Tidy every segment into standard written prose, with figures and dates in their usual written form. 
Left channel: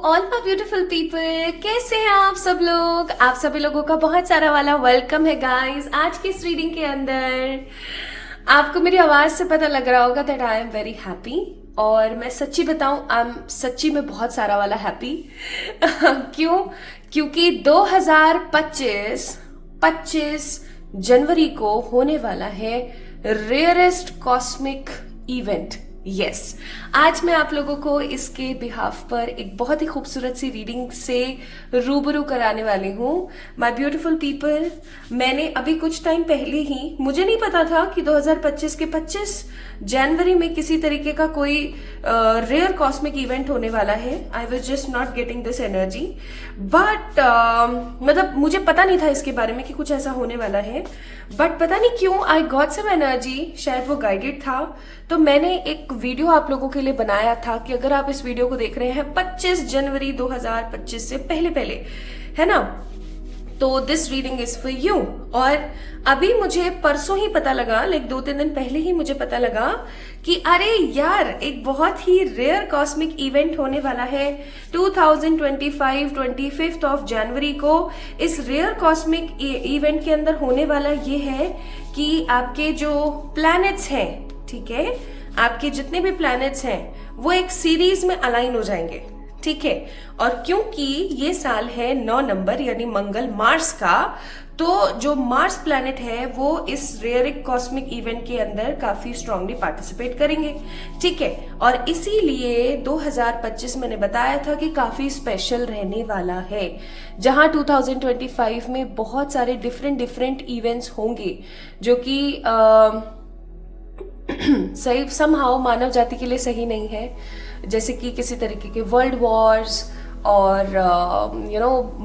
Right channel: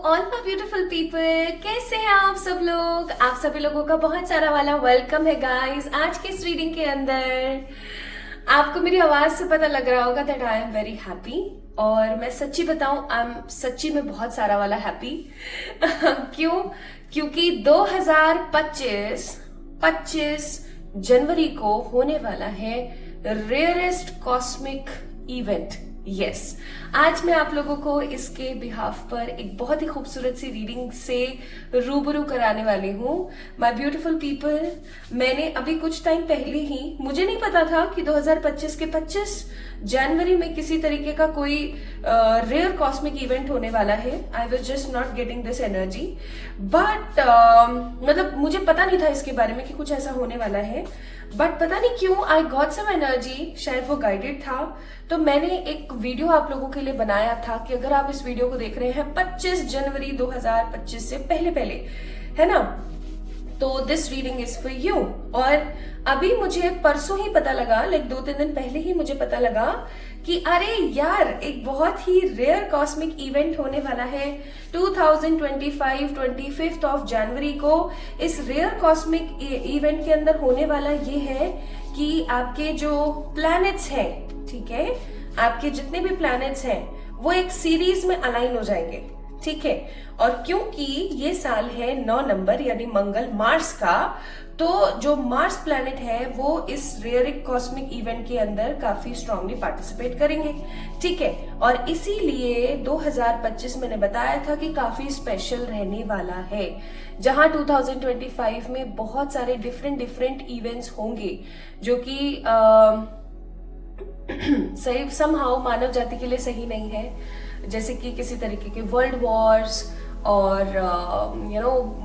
All my beautiful people, कैसे हैं आप सब लोग। आप सभी लोगों का बहुत सारा वाला वेलकम है गाइस। आज की इस रीडिंग के अंदर आपको मेरी आवाज से पता लग रहा होगा that I am very happy. और मैं सच्ची बताऊं, आई एम सच्ची में बहुत सारा वाला हैप्पी। क्यों? क्योंकि 25 जनवरी को होने वाला है रेयरेस्ट कॉस्मिक इवेंट। यस, आज मैं आप लोगों को इसके बिहाफ पर एक बहुत ही खूबसूरत सी रीडिंग से रूबरू कराने वाली हूँ। माय ब्यूटीफुल पीपल, मैंने अभी कुछ टाइम पहले ही, मुझे नहीं पता था कि 2025 के 25 जनवरी में किसी तरीके का कोई रेयर कॉस्मिक इवेंट होने वाला है। I was just not getting this energy, but मतलब मुझे पता नहीं था इसके बारे में कि कुछ ऐसा होने वाला है। बट पता नहीं क्यों आई गॉट सम एनर्जी, शायद वो गाइडेड था। तो मैंने एक वीडियो आप लोगों के लिए बनाया था कि अगर आप इस वीडियो को देख रहे हैं 25 जनवरी 2025 से पहले पहले, है ना, तो this reading is for you. और अभी मुझे परसों ही पता लगा, लाइक 2-3 दिन पहले ही मुझे पता लगा कि अरे यार, एक बहुत ही रेयर कॉस्मिक इवेंट होने वाला है 2025 25 ऑफ जनवरी को। इस रेयर कॉस्मिक इवेंट के अंदर होने वाला ये है कि आपके जो प्लैनेट्स हैं, ठीक है, आपके जितने भी प्लैनेट्स हैं वो एक सीरीज में अलाइन हो जाएंगे, ठीक है। और क्योंकि ये साल है 9 नंबर यानी मंगल मार्स का, तो जो मार्स प्लैनेट है वो इस रेयर कॉस्मिक इवेंट के अंदर काफी स्ट्रांगली पार्टिसिपेट करेंगे, ठीक है। और इसीलिए 2025 मैंने बताया था कि काफी स्पेशल रहने वाला है, जहां 2025 में बहुत सारे डिफरेंट इवेंट्स होंगे जो कि सही समहाउ मानव जाति के लिए सही नहीं है। जैसे कि किसी तरीके के वर्ल्ड वॉर्स और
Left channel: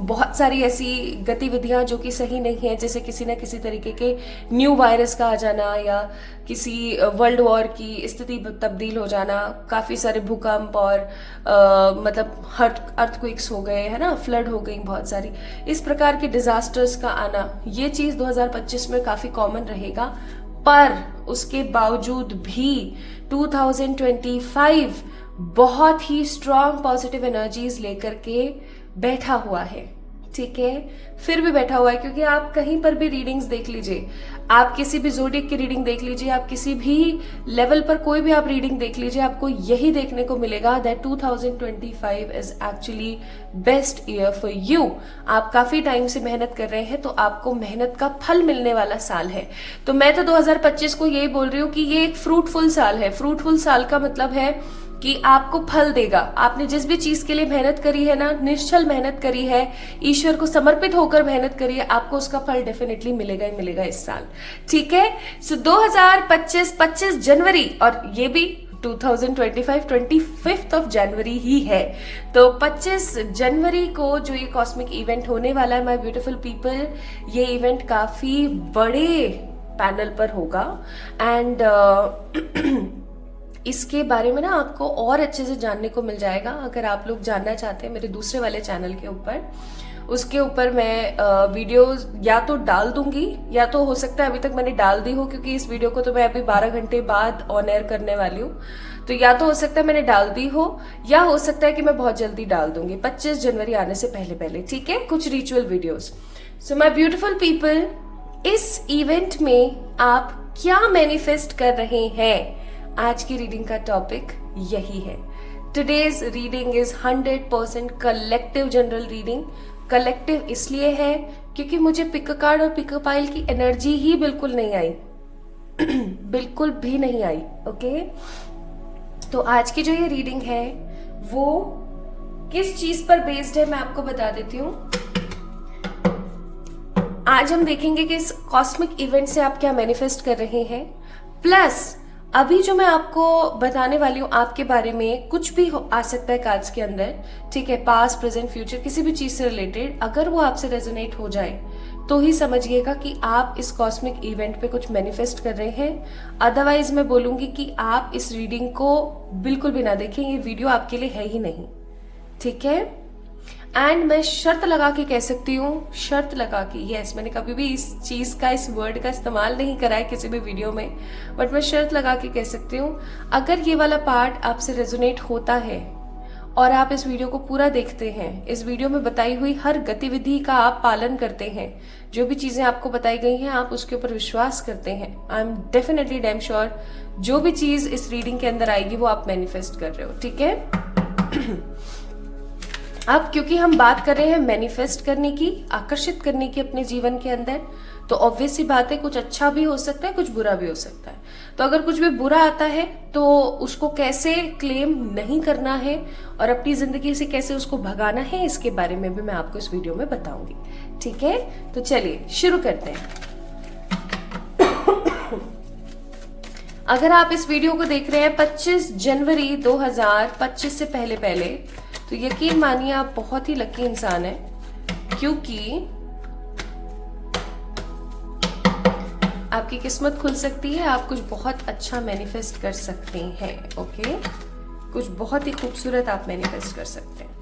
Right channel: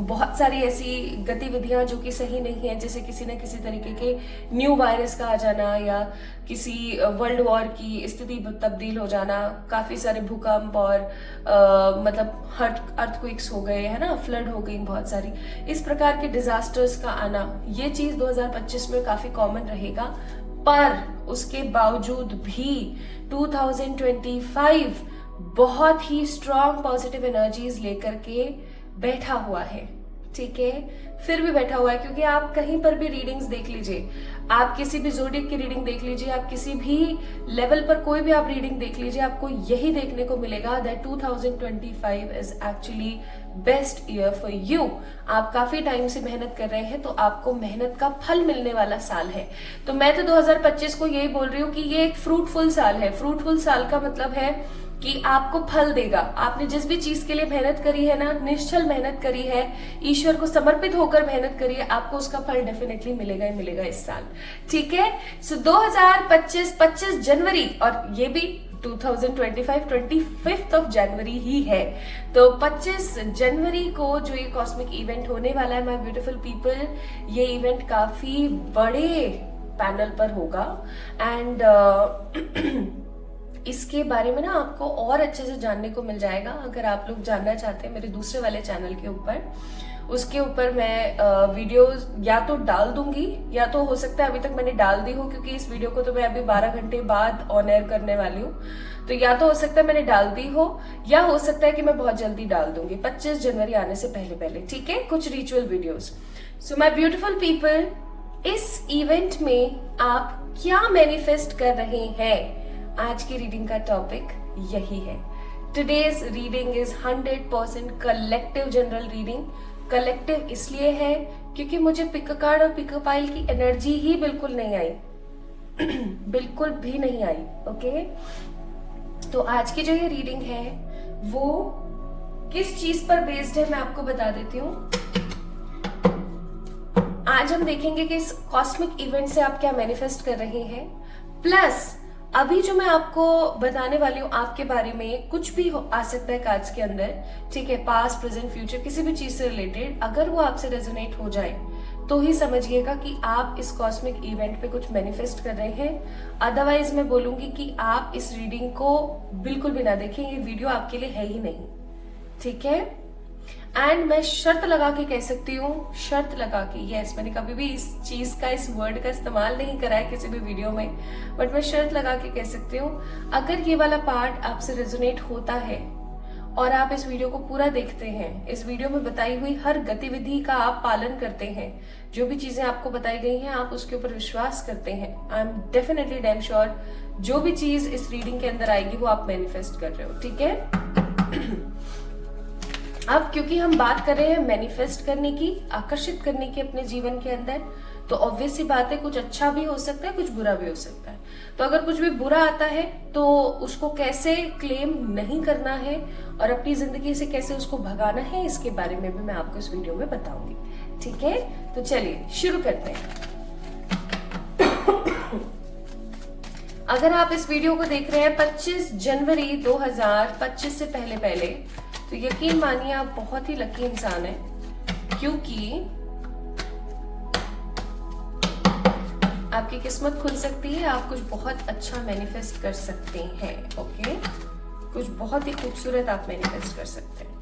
बहुत सारी ऐसी गतिविधियां जो कि सही नहीं है, जैसे किसी न किसी तरीके के न्यू वायरस का आ जाना या किसी वर्ल्ड वॉर की स्थिति तब्दील हो जाना, काफी सारे भूकंप और मतलब अर्थक्वेक्स हो गए, है ना, फ्लड हो गई, बहुत सारी इस प्रकार के डिजास्टर्स का आना, ये चीज 2025 में काफी कॉमन रहेगा। पर उसके बावजूद भी 2025 बहुत ही स्ट्रांग पॉजिटिव एनर्जीज लेकर के बैठा हुआ है, ठीक है। फिर भी बैठा हुआ है, क्योंकि आप कहीं पर भी रीडिंग्स देख लीजिए, आप किसी भी ज़ोडिएक की रीडिंग देख लीजिए, आप किसी भी लेवल पर कोई भी आप रीडिंग देख लीजिए, आपको यही देखने को मिलेगा that 2025 is actually best year for you. आप काफी टाइम से मेहनत कर रहे हैं, तो आपको मेहनत का फल मिलने वाला साल है। तो मैं तो 2025 को यही बोल रही हूँ कि ये एक फ्रूटफुल साल है। फ्रूटफुल साल का मतलब है कि आपको फल देगा। आपने जिस भी चीज के लिए मेहनत करी है ना, निश्चल मेहनत करी है, ईश्वर को समर्पित होकर मेहनत करी है, आपको उसका फल डेफिनेटली मिलेगा ही मिलेगा इस साल, ठीक है। सो 2025 25 जनवरी, और ये भी 2025 25 ऑफ जनवरी ही है। तो 25 जनवरी को जो ये कॉस्मिक इवेंट होने वाला है माय ब्यूटीफुल पीपल, ये इवेंट काफी बड़े पैनल पर होगा। एंड इसके बारे में ना आपको और अच्छे से जानने को मिल जाएगा। अगर आप लोग जानना चाहते हैं मेरे दूसरे वाले चैनल के ऊपर, उसके ऊपर मैं वीडियोस या तो डाल दूंगी, या तो हो सकता है अभी तक मैंने डाल दी हो, क्योंकि इस वीडियो को तो मैं अभी 12 घंटे बाद ऑन एयर करने वाली हूँ। तो या तो हो सकता है मैंने डाल दी हो, या हो सकता है कि मैं बहुत जल्दी डाल दूंगी 25 जनवरी आने से पहले पहले, ठीक है, कुछ ritual videos. So my beautiful people, इस इवेंट में आप क्या मैनिफेस्ट कर रहे हैं, आज की रीडिंग का टॉपिक यही है। Today's reading is 100% collective general reading. Collective इसलिए है क्योंकि मुझे पिक कार्ड और पिक पाइल की एनर्जी ही बिल्कुल नहीं आई बिल्कुल भी नहीं आई, ओके। तो आज की जो ये रीडिंग है वो किस चीज पर बेस्ड है मैं आपको बता देती हूँ। आज हम देखेंगे कि इस कॉस्मिक इवेंट से आप क्या मैनिफेस्ट कर रहे हैं, प्लस अभी जो मैं आपको बताने वाली हूँ आपके बारे में, कुछ भी आ सकता है कार्ड्स के अंदर, ठीक है, पास्ट प्रेजेंट फ्यूचर, किसी भी चीज से रिलेटेड। अगर वो आपसे रेजोनेट हो जाए तो ही समझिएगा कि आप इस कॉस्मिक इवेंट पे कुछ मैनिफेस्ट कर रहे हैं। अदरवाइज मैं बोलूंगी कि आप इस रीडिंग को बिल्कुल भी ना देखें, ये वीडियो आपके लिए है ही नहीं, ठीक है। एंड मैं शर्त लगा के कह सकती हूँ, शर्त लगा के, यस, मैंने कभी भी इस चीज का, इस वर्ड का इस्तेमाल नहीं करा है किसी भी वीडियो में, बट मैं शर्त लगा के कह सकती हूँ, अगर ये वाला पार्ट आपसे रेजोनेट होता है और आप इस वीडियो को पूरा देखते हैं, इस वीडियो में बताई हुई हर गतिविधि का आप पालन करते हैं, जो भी चीजें आपको बताई गई हैं आप उसके ऊपर विश्वास करते हैं, I am definitely damn sure जो भी चीज इस रीडिंग के अंदर आएगी वो आप मैनिफेस्ट कर रहे हो, ठीक है। अब क्योंकि हम बात कर रहे हैं मैनिफेस्ट करने की, आकर्षित करने की अपने जीवन के अंदर, तो ऑब्वियस सी बात है कुछ अच्छा भी हो सकता है, कुछ बुरा भी हो सकता है। तो अगर कुछ भी बुरा आता है तो उसको कैसे क्लेम नहीं करना है और अपनी जिंदगी से कैसे उसको भगाना है, इसके बारे में भी मैं आपको इस वीडियो में बताऊंगी, ठीक है। तो चलिए शुरू करते हैं। अगर आप इस वीडियो को देख रहे हैं 25 जनवरी 2025 से पहले तो यकीन मानिए आप बहुत ही लकी इंसान है, क्योंकि आपकी किस्मत खुल सकती है, आप कुछ बहुत अच्छा मैनिफेस्ट कर सकते हैं, ओके। कुछ बहुत ही खूबसूरत आप मैनिफेस्ट कर सकते हैं।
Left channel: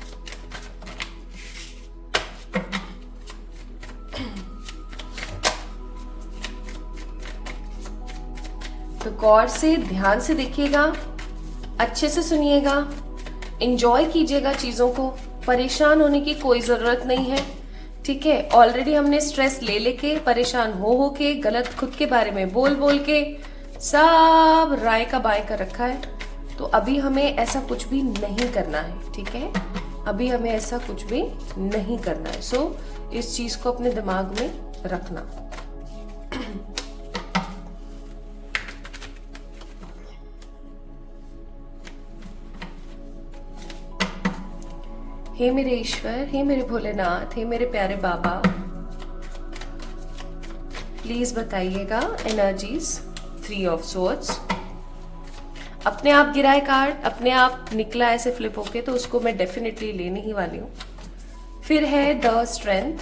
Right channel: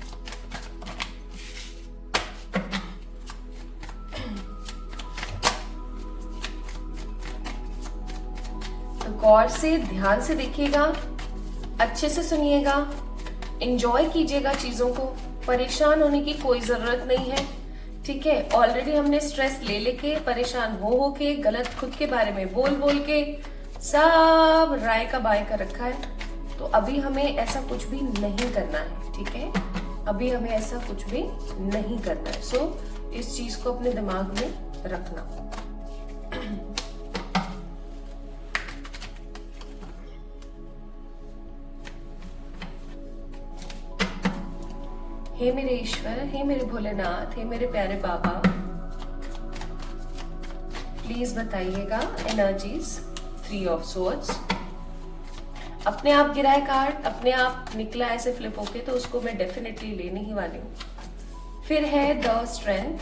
तो गौर से ध्यान से देखिएगा, अच्छे से सुनिएगा, एंजॉय कीजिएगा चीजों को, परेशान होने की कोई जरूरत नहीं है, ठीक है। ऑलरेडी हमने स्ट्रेस ले लेके, परेशान हो के, गलत खुद के बारे में बोल के सब राय का बाय कर रखा है। तो अभी हमें ऐसा कुछ भी नहीं करना है, ठीक है। अभी हमें ऐसा कुछ भी नहीं करना है। सो इस चीज को अपने दिमाग में रखना। हे मेरे ईश्वर, हे मेरे भोलेनाथ, हे मेरे प्यारे बाबा, प्लीज बताइएगा एनर्जीज 3 ऑफ सोर्ड्स। अपने आप गिराए कार्ड, अपने आप निकला ऐसे फ्लिप होके, तो उसको मैं डेफिनेटली लेने ही वाली हूँ। फिर है द स्ट्रेंथ,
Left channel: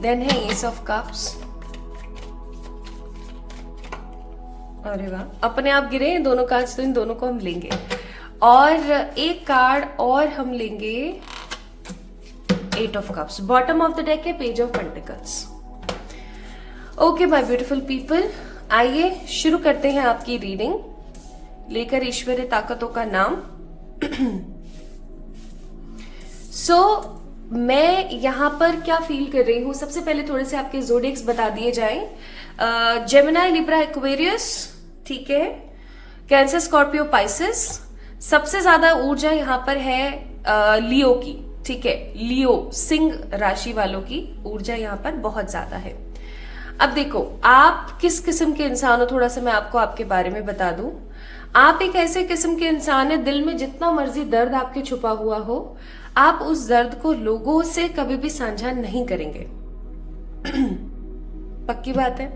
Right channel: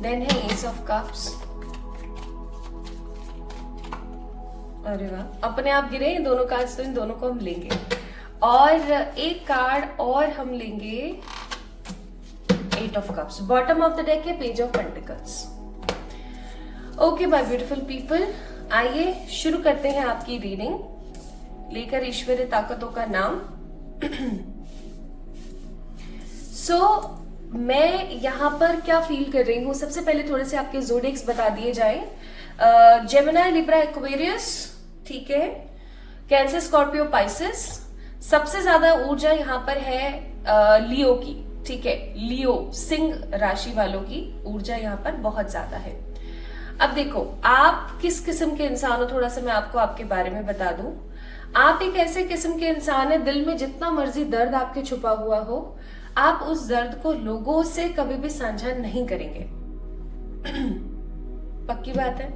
देन है एस ऑफ कप्स। अरे वाह, अपने आप गिरे इन दोनों कार्ड्स, तो इन दोनों को हम लेंगे। और एक कार्ड और हम लेंगे 8 of cups. Bottom of the deck है page of pentacles. Okay my beautiful people, आइए शुरू करते हैं आपकी रीडिंग, लेकर ईश्वरीय ताकतों का नाम। मैं यहाँ पर क्या फील कर रही हूँ, सबसे पहले थोड़े से आपके जोडिक्स बता दिए जाएं। जेमिनी, लिब्रा, एक्वेरियस, ठीक है, कैंसर, स्कॉर्पियो, पाइसेस। सबसे ज्यादा ऊर्जा यहाँ पर है लियो की, ठीक है। लियो सिंह राशि वालों की ऊर्जा यहाँ पर बहुत ज्यादा है। अब देखो आप किस किस्म के इंसान हो, थोड़ा सा मैं आपको आपके बारे में बता दूं। आप एक ऐसे किस्म के इंसान है, दिल में जितना मर्जी दर्द आपके छुपा हुआ हो, आप उस दर्द को लोगों से कभी भी साझा नहीं करेंगे। पक्की बात है।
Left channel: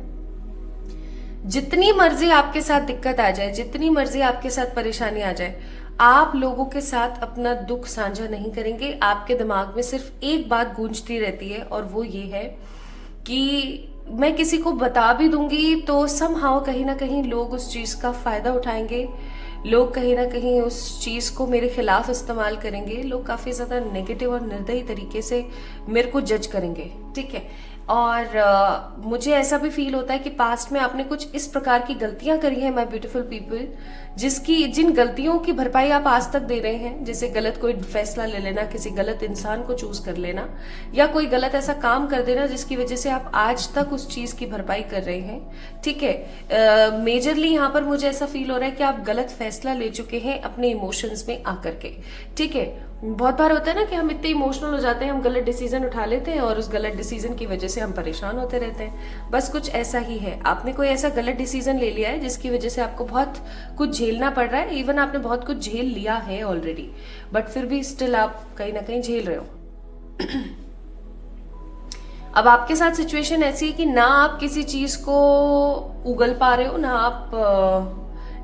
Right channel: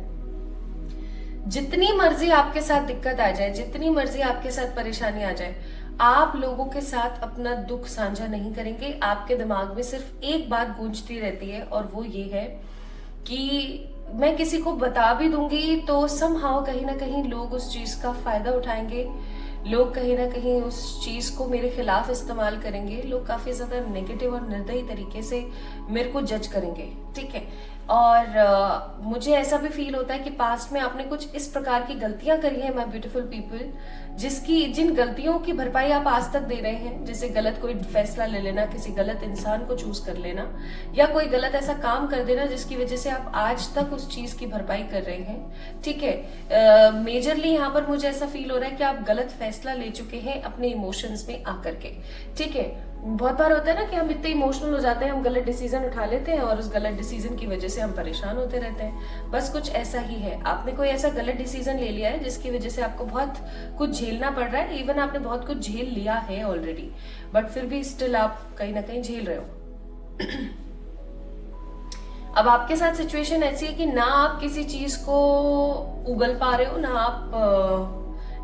जितनी मर्जी आपके साथ दिक्कत आ जाए, जितनी मर्जी आपके साथ परेशानी आ जाए, आप लोगों के साथ अपना दुख साझा नहीं करेंगे। आपके दिमाग में सिर्फ एक बात गूंजती रहती है, और वो ये है कि मैं किसी को बता भी दूंगी तो समहाउ कहीं ना कहीं लोग उस चीज का फायदा उठाएंगे, लोग कहीं ना कहीं उस चीज को मेरे खिलाफ इस्तेमाल करेंगे, लोग काफी ज्यादा नेगेटिव और निर्दयी तरीके से मेरे को जज करेंगे, ठीक है। और मुझे ऐसा भी फील होता है कि पास्ट में आपने कुछ इस प्रकार की गलतियां करी हैं माय ब्यूटीफुल पीपल, जिन गलतियों की भरपाई आप आज तक दे रहे हैं, जैसे गलत कोई फैसला ले लेना, किसी गलत इंसान को चूज कर लेना, या कोई गलत ऐसा काम कर देना जिसकी वजह से आप आज तक उस चीज की भरपाई कर रहे हैं, ठीक है। मेजरली यहाँ पर मुझे ऐसा फील हो रहा है कि आप गलत फैसला ले चुके हैं अपने इमोशंस में आकर के, ठीक है। बहुत बार होता है ना कि हम इतने इमोशनल हो जाते हैं, हम गलत डिसीजन उठा लेते हैं और उस गलत डिसीजन की वजह से हम परेशान होते रहते हैं। बस कुछ ऐसा ही है, आपने कोई ऐसा गलत डिसीजन ले लिया है जिसकी वजह से आपको बहुत कुछ झेलना पड़ रहा है। इवन आपने बहुत कुछ झेल लिया है ऑलरेडी, बट फिर भी स्टिल आप कहीं ना कहीं झेल रहे हो। अब आपके साथ सिचुएशन ऐसी है कि ना आप किसी चीज को उगल पा रहे हो, ना आप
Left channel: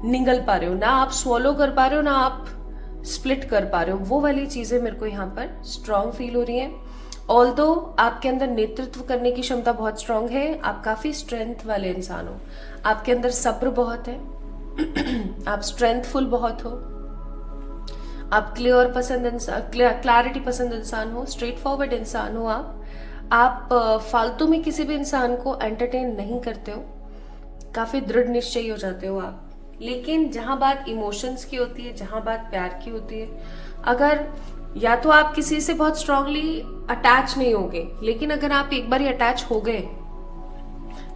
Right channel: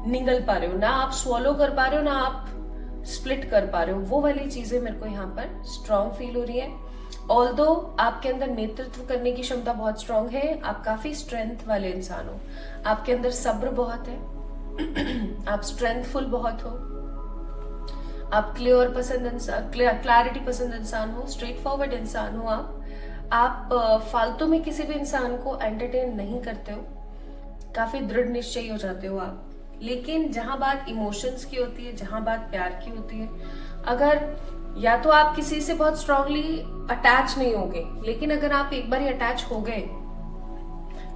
निगल पा रहे हो, ना आप स्वॉलो कर पा रहे हो, ना आप स्प्लिट कर पा रहे हो। वो वाली चीजें मेरे को यहाँ पर स्ट्रांग फील हो रही है। ऑल्दो आपके अंदर नेतृत्व करने की क्षमता बहुत स्ट्रांग है, आप काफी स्ट्रेंथ वाले इंसान हो, आपके अंदर सब्र बहुत है, आप स्ट्रेंथफुल बहुत हो, आप क्लैरिटी पसंद इंसान हो, स्ट्रेट फॉरवर्ड इंसान हो, आप फालतू में किसी भी इंसान को एंटरटेन नहीं करते हो, काफी दृढ़ निश्चयी हो जाते हो आप, लेकिन जहां बात इमोशंस की होती है, जहां बात प्यार की होती है, अगर या तो आप किसी से बहुत स्ट्रांगली अटैच नहीं होगे, लेकिन अगर आप एक बार अटैच हो गए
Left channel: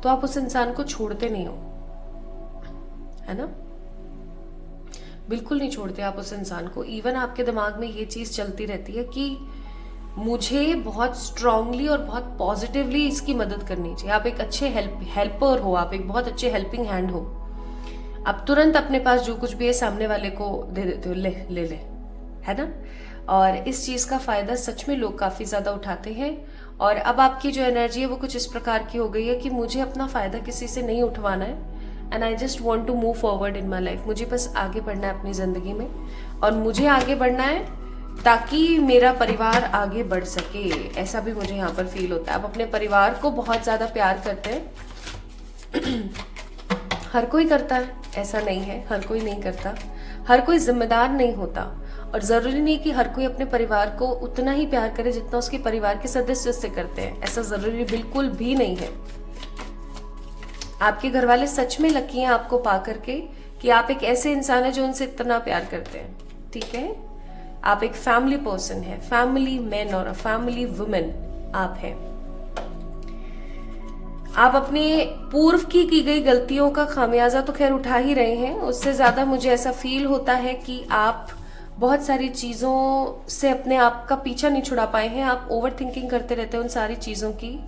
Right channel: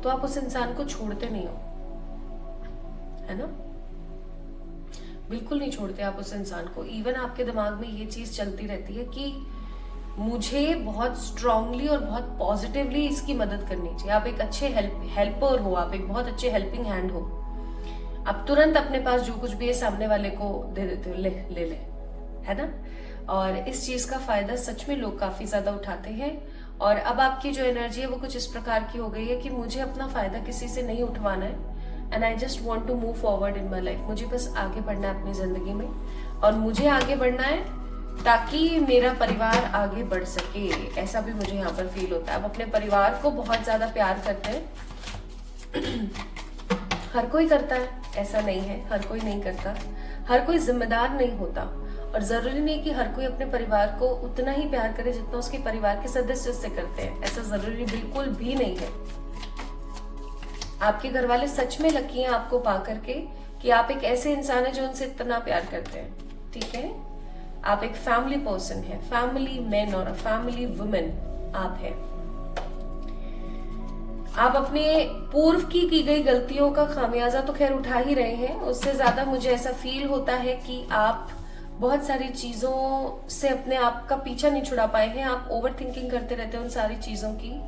तो आप उस इंसान को छोड़ते नहीं हो, है ना? बिल्कुल नहीं छोड़ते आप उस इंसान को। इवन आपके दिमाग में ये चीज चलती रहती है कि मुझे बहुत स्ट्रांगली और बहुत पॉजिटिवली इसकी मदद करनी चाहिए। आप एक अच्छे हेल्पर हो, आप एक बहुत अच्छे हेल्पिंग हैंड हो। आप तुरंत अपने पास जो कुछ भी है सामने वाले को दे देते हो, ले ले ले, है ना? और इस चीज का फायदा सच में लोग काफी ज्यादा उठाते हैं। और अब आपकी जो एनर्जी है वो कुछ इस प्रकार की हो गई है कि मुझे अपना फायदा किसी से नहीं उठवाना है, and I just want to move forward in my life. मुझे बस आगे बढ़ना है अपनी जिंदगी में, और मुझे आगे बढ़ना है ताकि मेरा परिवार आगे बढ़ सके। ऐसा भी मुझे यहाँ पर फील होता है। आप अपने परिवार को बहुत ज्यादा प्यार करते हैं। हर कोई करता है, ऐसा नहीं है, हर कोई नहीं करता। हर कोई जिम्मेदार नहीं होता, और जरूरी नहीं कि हर कोई अपने परिवार को उतना ही प्यार करे जितना उसके परिवार के सदस्य उससे करते हैं। ऐसा जरूरी बिल्कुल भी नहीं है। आपके घर वाले सच में लकी हैं आपको पा करके कि आप एक ऐसे इंसान है जो उनसे इतना प्यार करते हैं, ठीक है? आप एक फैमिली पर्सन है, फैमिली मैन और फैमिली वुमेन आप है। आप अपने पूर्व की गई गलतियों का खामियाजा तो खैर उठा ही रहे हैं। उससे ज्यादा मुझे ऐसा फील होता है कि आप बहुत सारी चीजों से अपने आप का पीछा नहीं छुड़ा पाए हैं। आप ओवर थिंकिंग करते रहते हैं उन सारी चीजों की,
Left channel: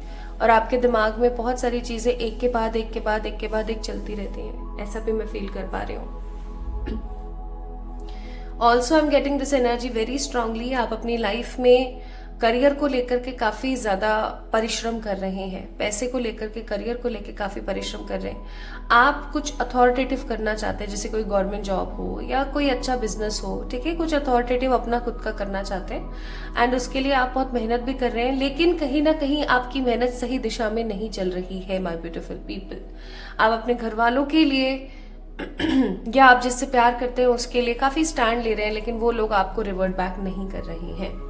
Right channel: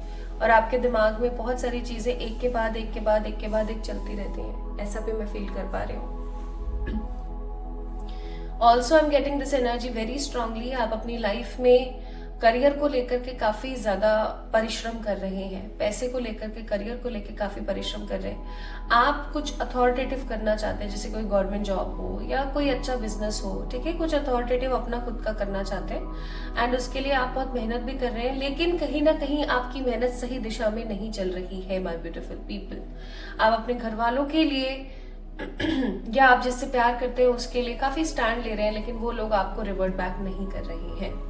और आपके दिमाग में बहुत सारी चीजें एक के बाद एक के बाद एक के बाद एक चलती रहती हैं। ऐसा भी मैं फील कर पा रही हूँ। Also I am getting this energy very strongly. आप अपनी लाइफ में करियर को लेकर के काफी ज्यादा परिश्रम कर रहे हैं, पैसे को लेकर के, करियर को लेकर काफी परिश्रम कर रहे हैं। आप कुछ अथॉरिटेटिव करना चाहते हैं, जैसे कोई गवर्नमेंट जॉब हो या कोई अच्छा बिजनेस हो, ठीक है? कुछ अथॉरिटेटिव अपना खुद का करना चाहते हैं, एंड उसके लिए आप बहुत मेहनत भी कर रहे हैं, लेकिन कहीं ना कहीं आपकी मेहनत सही दिशा में नहीं चल रही है। माय ब्यूटीफुल पीपल, आप अपने घर वालों के लिए या आप जिससे प्यार करते हैं उसके लिए काफी स्टैंड ले रहे हैं, लेकिन वो लोग आपको रिवर्ट बैक नहीं कर रहे हैं।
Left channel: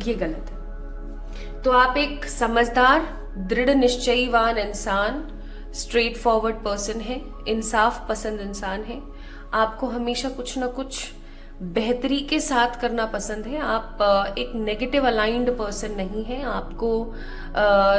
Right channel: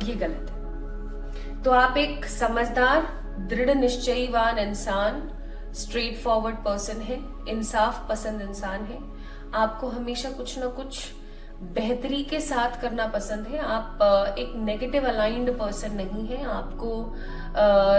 ये गलत है। तो आप एक समझदार, दृढ़ निश्चयीवान इंसान, स्ट्रेट फॉरवर्ड पर्सन है, इंसाफ पसंद इंसान है। आपको हमेशा कुछ ना कुछ बेहतरी के साथ करना पसंद है। आप एक नेगेटिव अलाइंड पर्सन नहीं है। आपको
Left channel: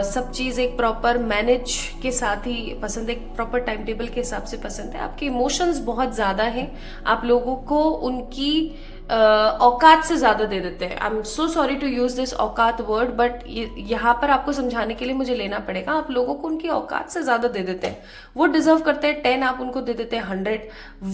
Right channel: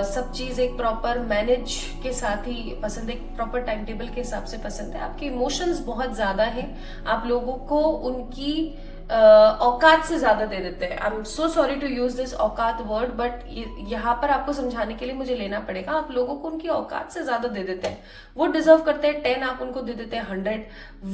सब चीज एक प्रॉपर मैनेज के साथ ही पसंद है, एक प्रॉपर टाइम टेबल के हिसाब से पसंद है। आपके इमोशंस बहुत ज्यादा हैं। आप लोगों को उनकी औकात से ज्यादा दे देते हैं। I am so sorry to use this औकात वर्ड, बट यहाँ पर आपको समझाने के लिए मुझे लेना पड़ेगा। आप लोगों को उनकी औकात से ज्यादा दे देते हैं। वो डिजर्व करते हैं 10, आप उनको दे देते हैं 100।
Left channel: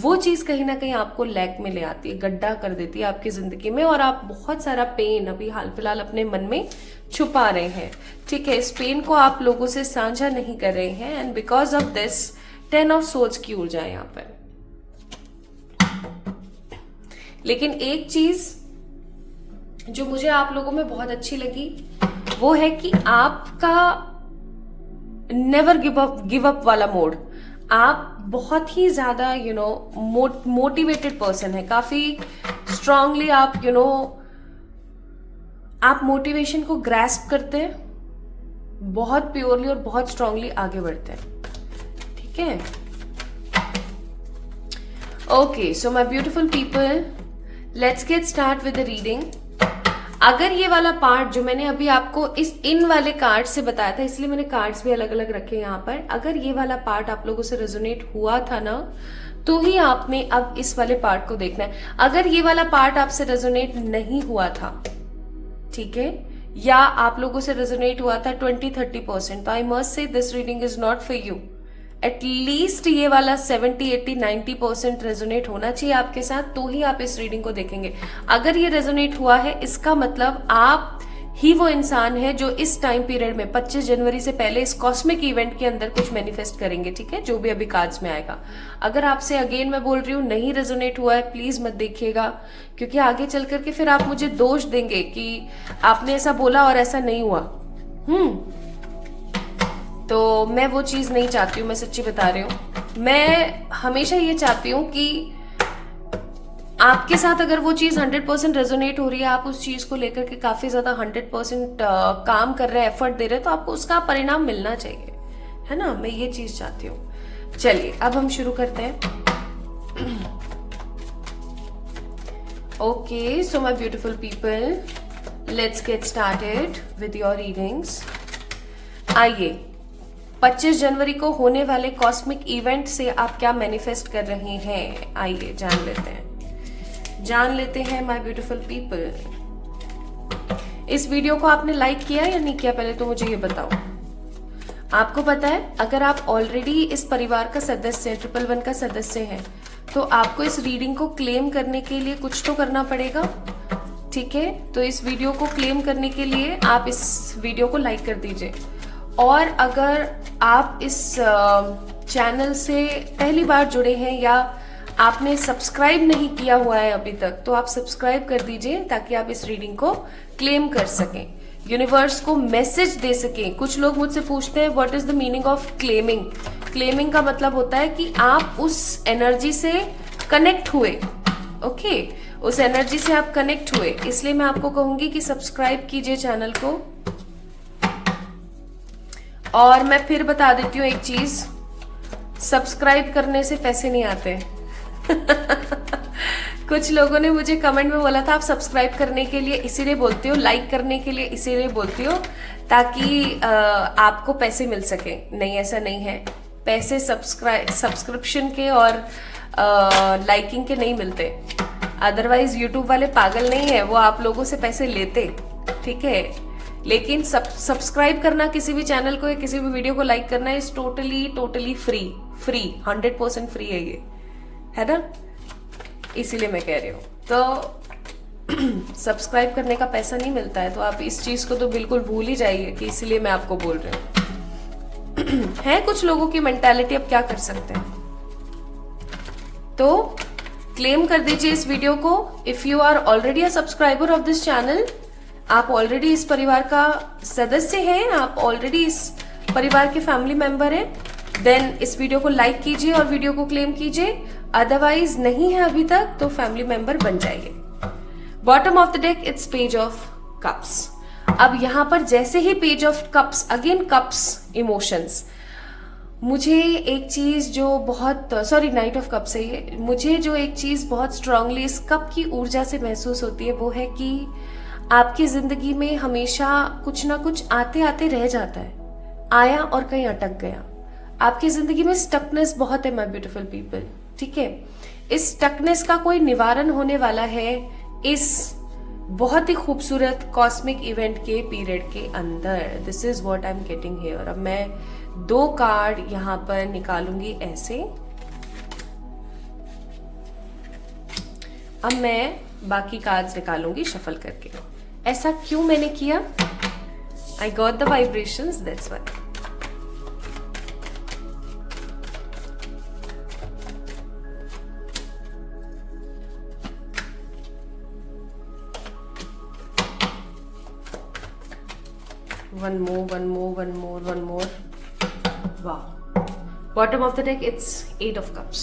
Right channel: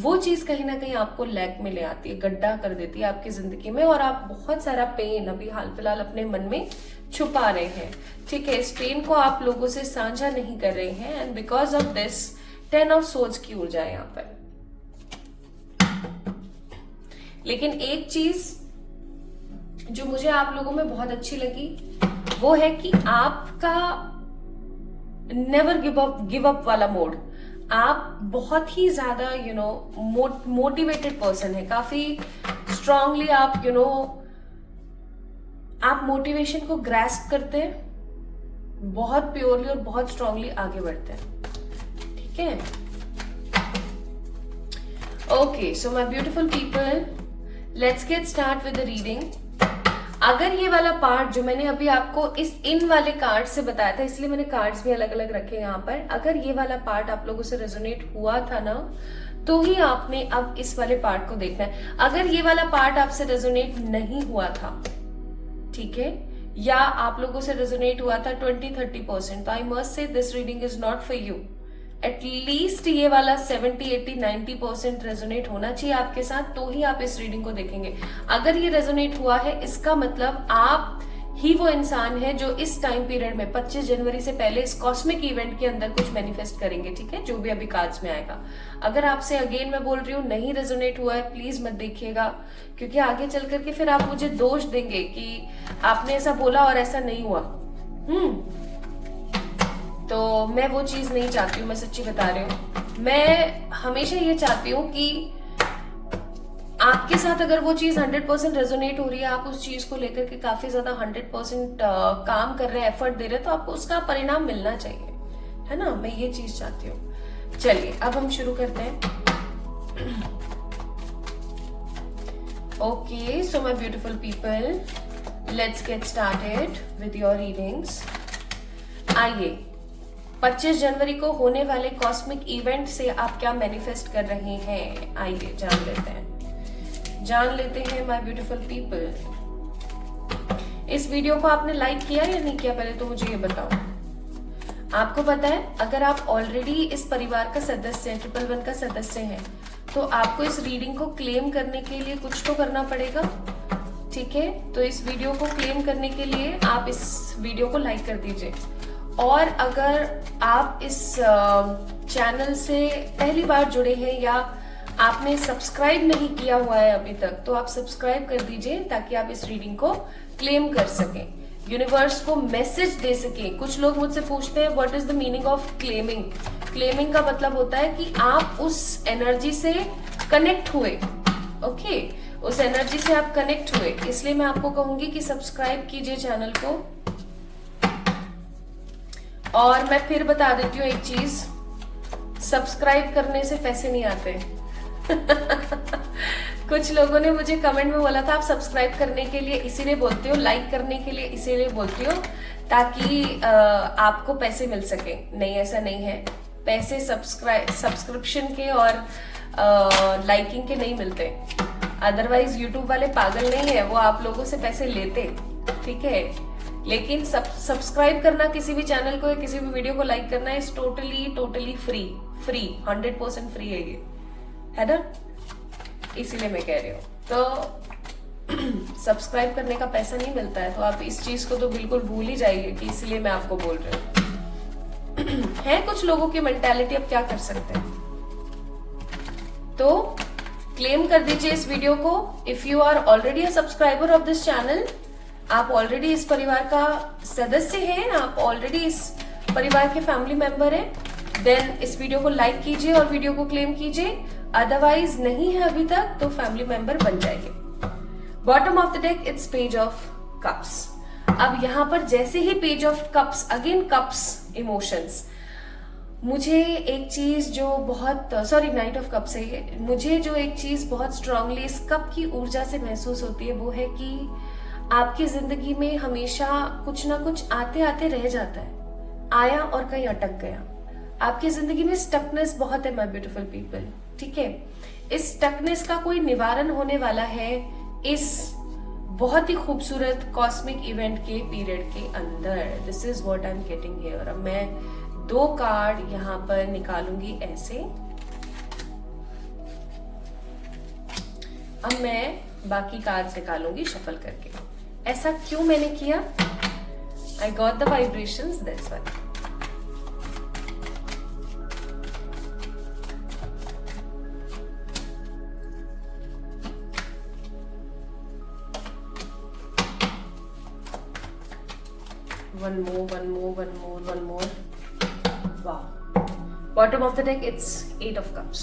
वो चीज कहीं ना कहीं आपको लैक में ले आती है, गड्ढा कर देती है आपकी जिंदगी में, और आप बहुत सारा पेन अभी हाल फिलहाल अपने मन में छुपा रहे हैं, ठीक है? इस पेन को आप लोगों से साझा नहीं कर रहे हैं, and because of this 10 of swords की ऊर्जा है यहाँ पर। लेकिन एक चीज जो मुझे आप लोगों में बहुत अच्छी लगी वो है कि आपका नेवर गिव अप वाला मोड। आप बहुत ही ज्यादा मोटिवेटेड पर्सन है, काफी स्ट्रांगली आप आप मोटिवेशन को ग्रैस्प करते हैं, बहुत प्योरली और बहुत स्ट्रांगली आगे बढ़ते हैं, ठीक है? Okay, so my beautiful people, let's get start with the reading. अगर ये वाला पार्ट जो मैंने अभी आपको इन वाले कार्ड से बताया था, इसलिए मैंने कार्ड्स भी अलग अलग रखे यहाँ पर, अगर ये वाला पार्ट आप लोगों से रेजोनेट हुआ था ना, तो ही आपने अब इस वाले पार्ट को देखना है। अगर ये वाला पार्ट आपसे रेजोनेट नहीं हुआ था, ठीक है, या आप लोगों से रेजोनेट हुआ था 20-30%, तो I must say this reading is not for you. At least ये वाला 70-80-90% रेजोनेट होना चाहिए आपके साथ, तो ही आप इस रीडिंग को देखेंगे। अगर ये रेजोनेट हुआ है, इसका मतलब आप ही वो इंसान है जो इस टाइम पीरियड में 25 जनवरी से पहले इस कॉस्मिक इवेंट के अंदर कुछ मैनिफेस्ट करेंगे, ठीक है? जो भी अभी कार्ड्स में आएगा। अगर आपसे अगेन मैं बोल रही हूँ नहीं रेजोनेट हुआ है, प्लीज मत देखिएगा, क्योंकि आगे चल करके फिर आप मुझे दोष देंगे कि आपने ऐसा बोला और ऐसा नहीं हुआ। तो मैं वो चीज नहीं चाहती हूँ, मैं सच्ची बता रही हूँ। मैं हमेशा ये चाहती हूँ कि आपके साथ अगर वो चीज 100% रेजोनेट हो रही है, आप उस चीज को लेकर के काफी ज्यादा 100% काम कर रहे हैं, एफर्ट दे रहे हैं, तो आपको उसका परिणाम मिलना चाहिए, है ना? मैं ये चीज चाहती हूँ। चलिए अब हम शुरू करते हैं। Okay, so my beautiful people, let's get started with your readings. आइए, 25 जनवरी को होने वाले कॉस्मिक इवेंट से आप क्या मैनिफेस्ट कर रहे हैं, आइए जान लेते हैं माय ब्यूटीफुल पीपल। इस वीडियो को आपने लाइक किया या नहीं किया, पहले तो मुझे ये बताओ। आपको पता है, अगर आप ऑलरेडी इस परिवार का सदस्य हैं, 111 का सदस्य हैं, तो आपको इस रीडिंग को क्लेम करने के लिए कुछ तो करना पड़ेगा। ठीक है, तो इस वीडियो को क्लेम करने के लिए आप इस वीडियो को लाइक कर दीजिए। और अगर आप इस चैनल से पहली बार जुड़े हैं या आपने सब्सक्राइब नहीं किया हुआ है अभी तक, तो आप सब्सक्राइब कर दीजिए ताकि आप इस रीडिंग को क्लेम कर सकें, यूनिवर्स को मैसेज दे सकें। कुछ लोग मुझसे पूछते हैं what is the meaning of claiming. Claiming का मतलब होता है कि आप उस एनर्जी से कनेक्ट हुए। ओके, उस एनर्जी से आप कनेक्ट हुए, इसलिए मैं आपको कहूंगी कि सब्सक्राइब कीजिए चैनल को। और मैं फिर बता देती हूँ एक चीज, सब्सक्राइब करने से पैसे नहीं आते। कुछ लोगों ने मुझे कमेंट में बोला था आप सब्सक्राइब करने के लिए इसीलिए बोलते हो, लाइक करने के लिए इसीलिए बोलती हो ताकि आपको पैसे मिल सके। नहीं, ऐसा नहीं है। पैसे सब्सक्रिप्शन के और लाइकिंग के नहीं मिलते। अदरवाइज यूट्यूब वाले पागल नहीं है, वो आप लोगों से पैसे लेते। ठीक है, लेकिन सब्सक्राइब करना किसी भी चैनल को या किसी भी वीडियो को लाइक करना इज टोटली फ्री 100% फ्री है ये, है ना। इसीलिए मैं कह रही हूँ, तो सब्सक्राइब करने का पैसा नहीं मिलता है, तो आप इस चीज को तो बिल्कुल भूल ही जाइए कि इसीलिए मैं आपको बोल रही हूँ। है कुछ लोगों की मेंटालिटी, अब क्या कर सकते हैं। तो क्लेम कर दीजिए इस वीडियो को। If you are already a subscriber of this channel, आप ऑलरेडी इस परिवार का सदस्य हैं, आप ऑलरेडी इस परिवार के फैमिली मेंबर हैं, देन इस वीडियो को लाइक कीजिए और वीडियो को क्लेम कीजिए। अदरवाइज नहीं है अभी तक, तो फैमिली मेंबर बन जाइए। Bottom of the deck it's page of cups. अब यहां पर जैसे ही page of cups, again cups, emotions. मुझे एक चीज जो बहुत, सॉरी नाइट ऑफ कप्स है ये, मुझे जो एक चीज बहुत स्ट्रांगली इस कप की ऊर्जा से महसूस होती है वो है कि आपकी जिंदगी में हमेशा कुछ ना कुछ आते आते रह जाता है, आया और कहीं अटक गया। आपकी जिंदगी में स्टकनेस बहुत है माय ब्यूटीफुल पीपल। ठीक है, इस स्टकनेस का कोई निवारण होने वाला है इस बहुत ही खूबसूरत कॉस्मिक इवेंट के पीरियड के अंदर। This is what I am getting here. अब मैं 2 कार्ड यहां पर निकालूंगी ऐसे। अब मैं बाकी कार्ड्स निकालूंगी शफल करके। ऐसा क्यों मैंने किया? I got the vibrations, that's why. One more. Wow. Bottom of the deck, it's 8 of cups.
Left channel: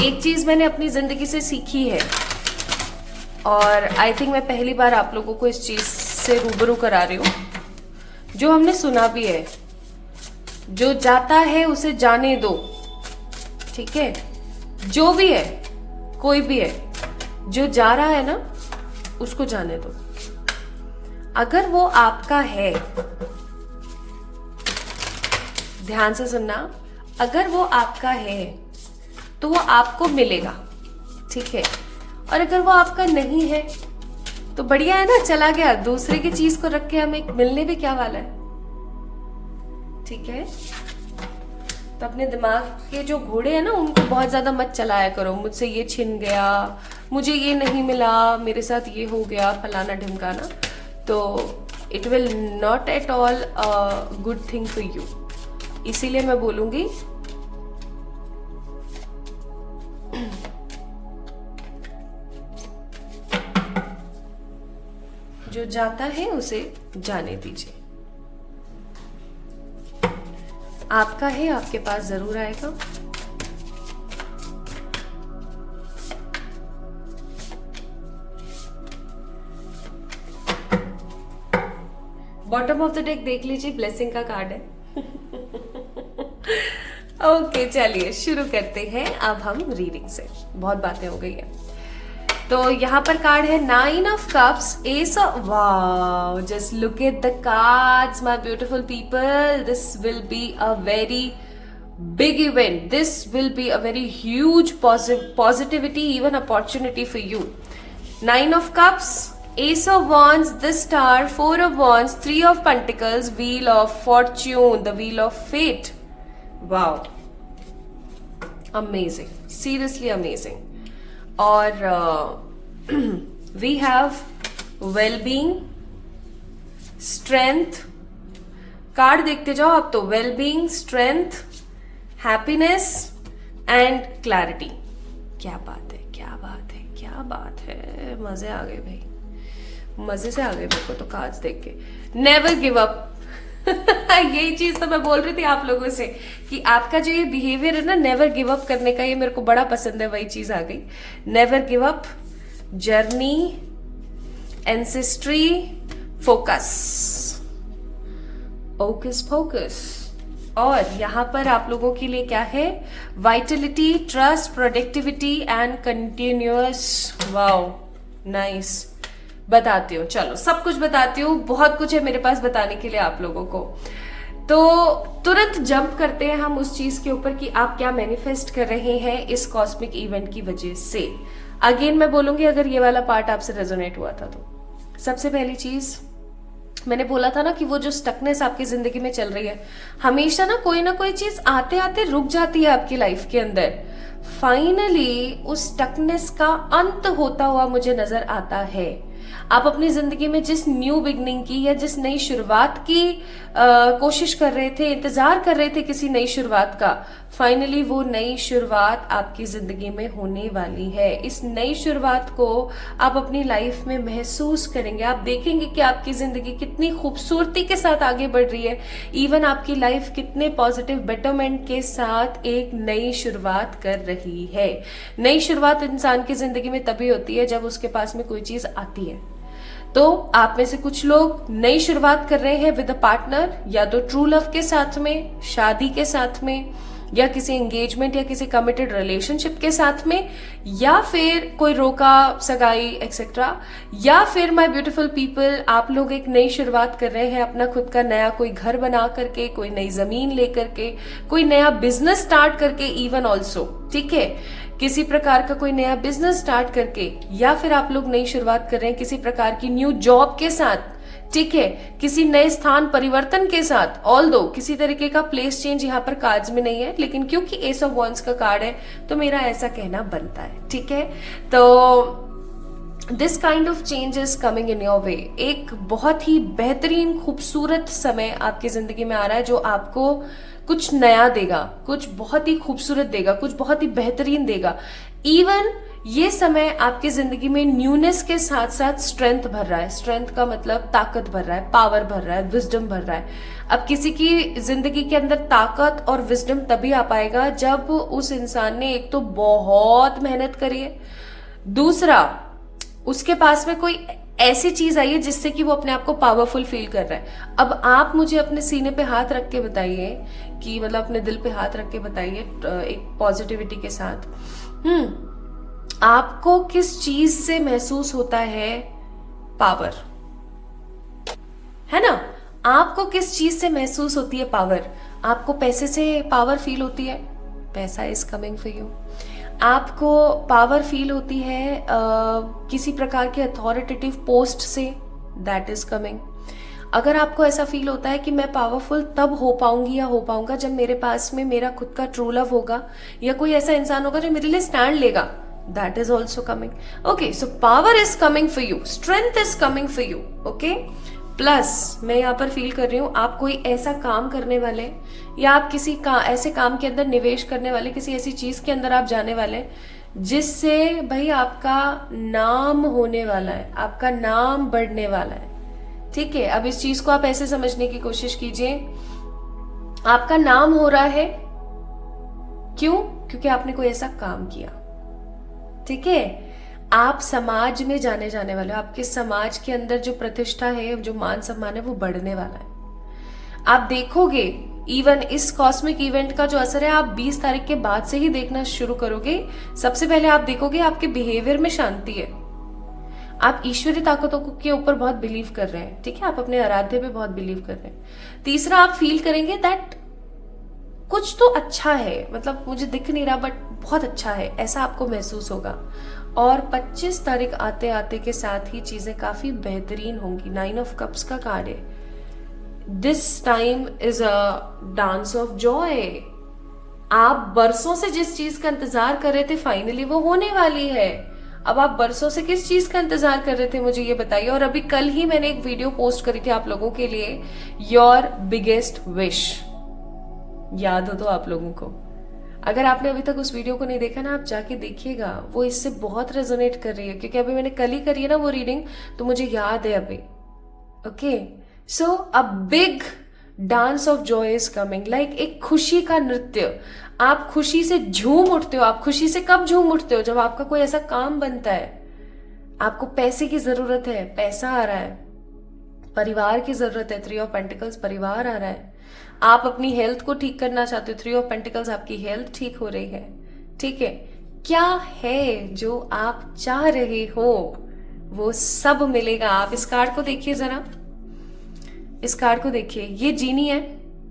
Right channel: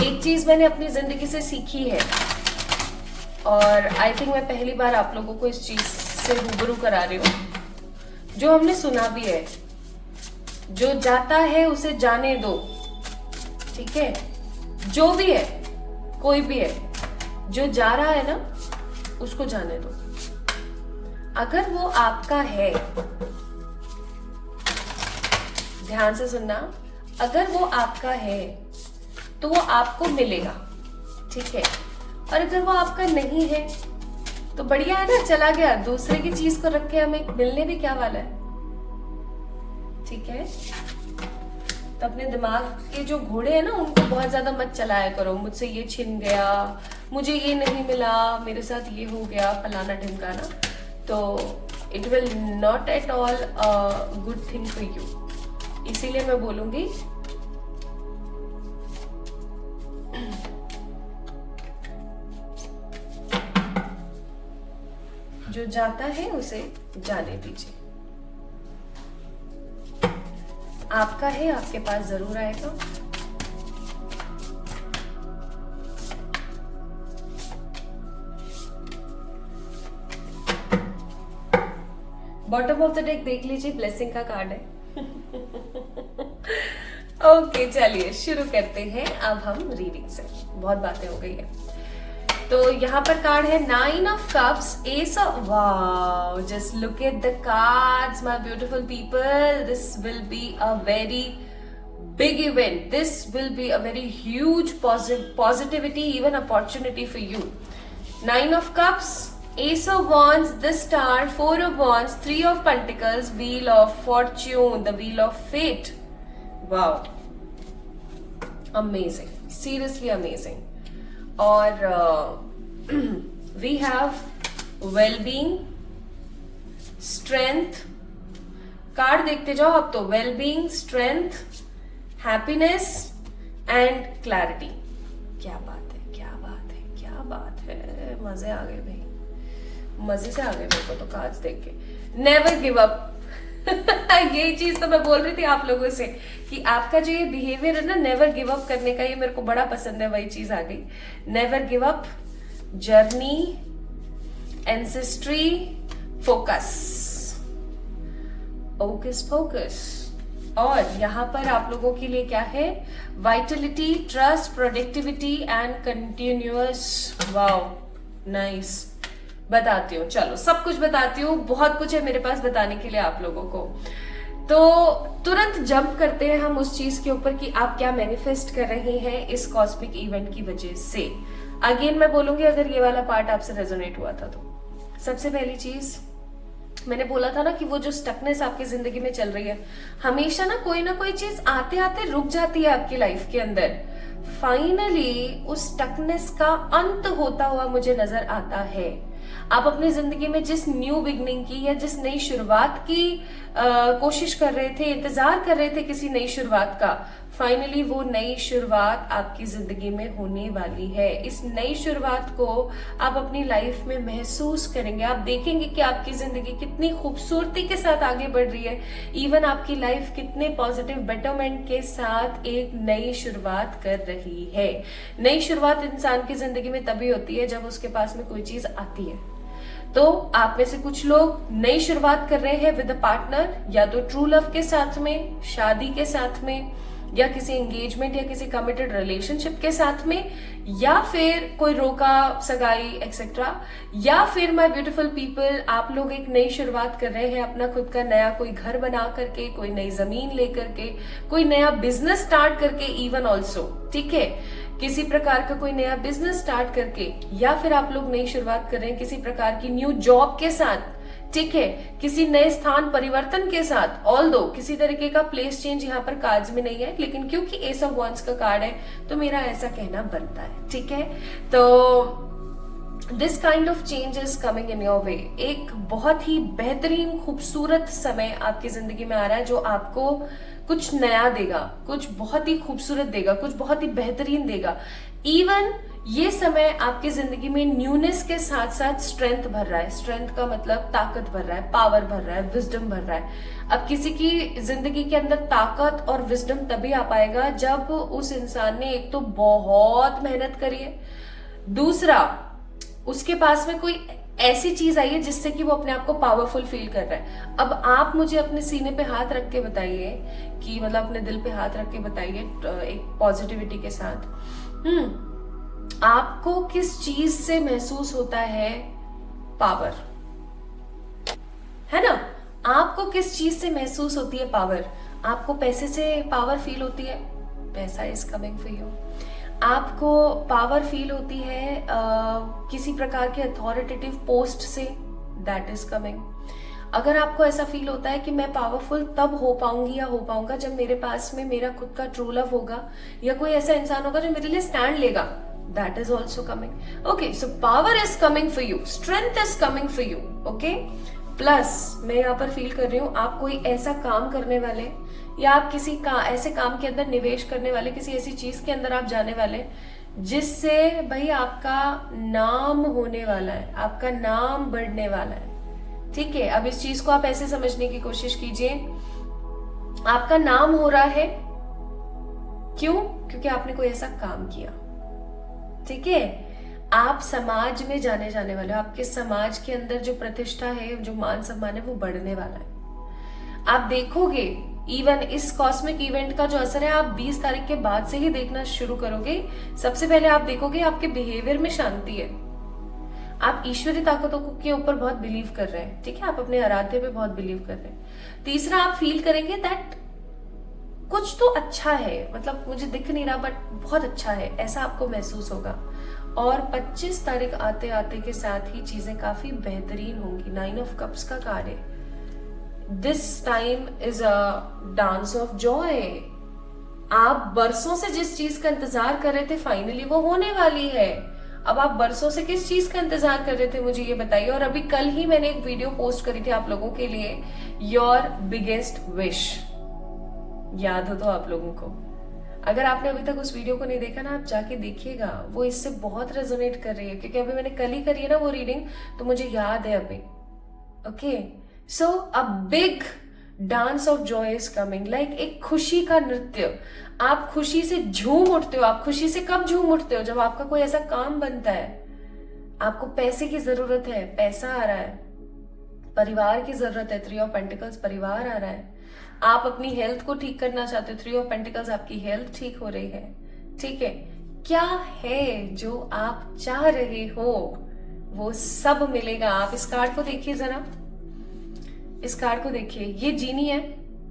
एक चीज मैंने अपनी जिंदगी से सीखी है और आई थिंक मैं पहली बार आप लोगों को इस चीज से रूबरू करा रही हूँ, जो हमने सुना भी है, जो जाता है उसे जाने दो। ठीक है, जो भी है, कोई भी है, जो जा रहा है ना, उसको जाने दो। अगर वो आपका है, ध्यान से सुनना, अगर वो आपका है तो वो आपको मिलेगा। ठीक है, और अगर वो आपका नहीं है तो बढ़िया है ना, चला गया। दूसरे की चीज को रख के हमें मिलने भी क्या वाला है। ठीक है, तो अपने दिमाग के जो घोड़े हैं ना, उनको बहुत ज्यादा मत चलाया करो। मुझसे ये छिन गया, मुझे ये नहीं मिला, मेरे साथ ये हो गया, फलाना ढिमकाना। तो it will not at all a good thing for you. इसीलिए मैं बोलूंगी जो जाता है उसे जाने दीजिए। आपका है, आपके पास जरूर आएगा। बॉटम ऑफ द डेक देख लीजिए, ब्लेसिंग का कार्ड है। ओके चलिए शुरू करते हैं अब हम रीडिंग से। बहुत बातें हो गई है। तो यहाँ पर कार्ड है 9 of cups, S of, wow, just look at the cards my beautiful people. This will be a very big event. This will be a very huge positivity, even opportunity for you. 9 of cups, ace of wands, the star, 4 of wands, 3 of pentacles, wheel of fortune, the wheel of fate. Wow, amazing, seriously amazing. और we have well-being, strength. Card देखते जाओ आप तो, well-being, strength, happiness and clarity. क्या बात है, क्या बात है, क्या बात है, मजे आ गए भाई, मजे से आ गए मेरे को तो कार्ड्स देख के। नेवर गिव अप यही चीज तो मैं बोल रही थी आप लोगों से कि आपका जो ये बिहेवियर है ना, नेवर गिव अप करने का, ये मेरे को बड़ा पसंद है, वही चीज आ गई। Never give up, journey, ancestry, focus, ओकस फोकस। और यहाँ पर आप लोगों के लिए क्या है, Vitality, trust, productivity and continuous. Wow, nice. बताती हूँ, चलो सब कुछ बताती हूँ, बहुत कुछ है मेरे पास बताने के लिए आप लोगों को। तो तुरंत जंप करते हैं हम उस चीज के ऊपर कि आप क्या मैनिफेस्ट कर रहे हैं इस कॉस्मिक इवेंट की वजह से। अगेन मैं बोलूंगी, अगर ये वाला पार्ट आपसे रेजोनेट हुआ था तो सबसे पहली चीज मैंने बोला था ना कि वो जो स्टकनेस आपकी जिंदगी में चल रही है, हमेशा ना कोई चीज आते आते रुक जाती है आपकी लाइफ के अंदर। फाइनली उस स्टकनेस का अंत होता हुआ मुझे नजर आता है। आप अपनी जिंदगी में जिस न्यू बिगनिंग की या जिस नई शुरुआत की कोशिश कर रहे थे, इंतजार कर रहे थे किसी नई शुरुआत का, फाइनली वो नई शुरुआत आपकी जिंदगी में होने वाली है। इस नई शुरुआत को आप अपनी लाइफ में महसूस करेंगे। आप देखेंगे कि आपकी जिंदगी कितनी खूबसूरती के साथ आगे बढ़ रही है। इवन आपकी लाइफ कितने पॉजिटिव बेटरमेंट के साथ एक नई शुरुआत कर रही है। नई शुरुआत इंसान की जिंदगी में तभी होती है जब उसके पास में कोई चीज आती है। तो आप में से कुछ लोग नई शुरुआत कर रहे हैं विद अ पार्टनर, या तो ट्रू लव के साथ में, शादी के साथ में, या किसी एंगेजमेंट या किसी कमिटेड रिलेशनशिप के साथ में, या फिर कोई रोका सगाई एक्सेट्रा, या फिर माय ब्यूटीफुल पीपल आप लोग एक नई शुरुआत कर रहे हैं अपना खुद का नया कोई घर बना करके, कोई नई जमीन लेकर के, कोई नया बिजनेस स्टार्ट करके, इवन ऑल्सो, ठीक है, किसी प्रकार का कोई नया बिजनेस स्टार्ट करके, या फिर आप लोग नई शुरुआत कर रहे हैं किसी प्रकार की न्यू जॉब के साथ, ठीक है, किसी नए स्थान परिवर्तन के साथ। ऑल्दो किसी तरीके का प्लेस चेंज यहाँ पर कार्ड्स में नहीं है, लेकिन क्योंकि एस ऑफ वॉन्ड्स का कार्ड है तो मेरा ऐसा कहना बनता है, ठीक है। तो this kind of change is coming in your वे। एक बहुत ही बेहतरीन खूबसूरत समय आपकी जिंदगी में आ रहा है जो आपको कुछ नया देगा, कुछ बहुत ही खूबसूरत देगा, कुछ बहुत ही बेहतरीन देगा। इवन ये समय आपकी जिंदगी में न्यूनेस के साथ साथ स्ट्रेंथ भर रहा है। स्ट्रेंथ का मतलब ताकत भर रहा है, पावर भर रहा है, विजडम भर रहा है। अब किसी की जिंदगी के अंदर ताकत और विजडम तभी आ पाएगा जब उस इंसान ने एक तो बहुत मेहनत करी है, दूसरा उसके पास में कोई ऐसी चीज आई है जिससे कि वो अपने आप को पावरफुल फील कर रहा है। अब आप मुझे अपने सीने पे हाथ रख के बताइए कि मतलब अपने दिल पे हाथ रख के बताइए एक पॉजिटिविटी के साथ, आपको किस चीज से महसूस होता है पावर, है ना? आपको किस चीज से महसूस होती है पावर? आपको पैसे से पावर फील होती है, पैसा इज कमिंग फॉर यू। आपको पावर फील होती है किसी प्रकार के अथॉरिटेटिव पोस्ट से, दैट इज कमिंग। अगर आपको ऐसा फील होता है कि मैं पावरफुल तब हो पाऊंगी या हो पाऊंगा जब मेरे पास में मेरा खुद का ट्रू लव होगा या कोई ऐसा इंसान होगा जो मेरे लिए स्टैंड लेगा, that is also coming. Okay, so power is coming for you, strength is coming for you, okay. Plus मैं यहाँ पर फील कर रही हूँ आप कोई ऐसा काम करने वाले या आप किसी ऐसे काम के अंदर निवेश करने वाले, किसी ऐसी चीज के अंदर आप जाने वाले जिससे भाई आपका नाम होने वाला है, आपका नाम बढ़ने वाला है, ठीक है। अब इस चीज को आप ऐसे समझने की कोशिश कीजिए, आपका नाम हो रहा है क्यों? क्योंकि आपने कोई ऐसा काम किया, ठीक है। आप समाज में जाने वाले हो, आपके समाज के अंदर जो प्रतिष्ठा है, जो मान सम्मान है, वो बढ़ने वाला है। आप देखोगे इवन इस कॉस्मिक इवेंट का जो असर है आप 20 तारीख के बाद से ही देखना शुरू करोगे। सबसे पहले आप देखोगे आपके बिहेवियर में शांति है, आप ईश्वरीय ताकतों के ऊपर बहुत बिलीव कर रहे हैं, ठीक है, आप अपने आराध्य पे बहुत बिलीव कर रहे हैं। तीसरा, आप फील करेंगे दैट कुछ तो अच्छा है, मतलब मुझे दिख नहीं रहा बट बहुत अच्छा है, ऐसा आपको महसूस होगा। और 25 तारीख आते आते के साथ ही चीजें काफी बेहतरीन होंगी। 9 ऑफ कप्स का कार्ड है। This time is a dance of Joy. आप बरसों से जिस चीज का इंतजार कर रहे थे फाइनली वो होने वाली है। अब आप बरसों से किस चीज का इंतजार कर रहे थे मुझे ये बताइए। और अभी कल ही मैंने एक वीडियो पोस्ट करी थी आप लोगों के लिए, योर बिगेस्ट विश, याद हो तो आप लोगों को। अगर आपने अभी तक उस वीडियो को नहीं देखा ना, आप जाके देखिएगा, वो इससे बहुत रेजोनेट कर रही है, क्योंकि अभी मैंने कल ही करी है ना वो रीडिंग, तो मुझे याद है अभी। Okay, so a big dance of Joy is coming, like एक खुशी का नृत्य। आप खुशी से झूम उठते हो। आप खुशी से कब झूम उठते हो? जब आपका कोई ऐसा काम बनता है, आपको पैसे की जरूरत है, पैसा आ रहा है, परिवार की जरूरत है, 3 ऑफ पेंटिकल्स, परिवार आ रहा है, आप अपनी हेल्थ को ठीक करना चाहते हो, 3 ऑफ पेंटिकल्स, आपकी हेल्थ ठीक हो रही है, ठीक है। क्या है जो आप चाह रहे हो वो सब मिलेगा। आप इस कार्ड को देखिए जरा, इस कार्ड को देखिए, ये जीनी है,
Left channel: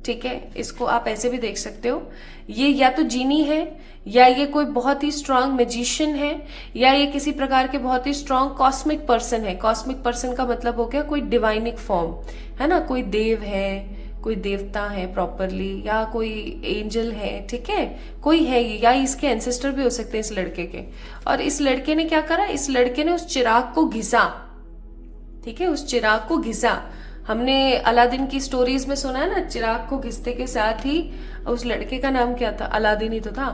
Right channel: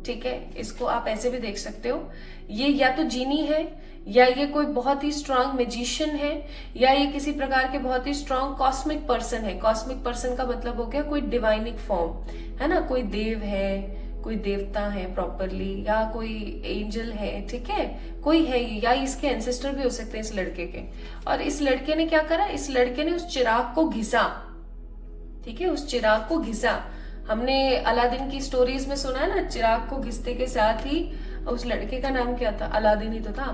ठीक है, इसको आप ऐसे भी देख सकते हो। ये या तो जीनी है, या ये कोई बहुत ही स्ट्रांग मैजिशियन है, या ये किसी प्रकार के बहुत ही स्ट्रांग कॉस्मिक पर्सन है। कॉस्मिक पर्सन का मतलब हो गया कोई डिवाइनिक फॉर्म, है ना, कोई देव है, कोई देवता है प्रॉपरली, या कोई एंजल है, ठीक है, कोई है, या इसके एंसेस्टर भी हो सकते हैं इस लड़के के। और इस लड़के ने क्या करा, इस लड़के ने उस चिराग को घिसा, ठीक है, उस चिराग को घिसा। हमने अलादीन की स्टोरीज में सुना है ना, चिराग को घिसते के साथ ही, उस लड़के का नाम क्या था, अलादीन ही तो था,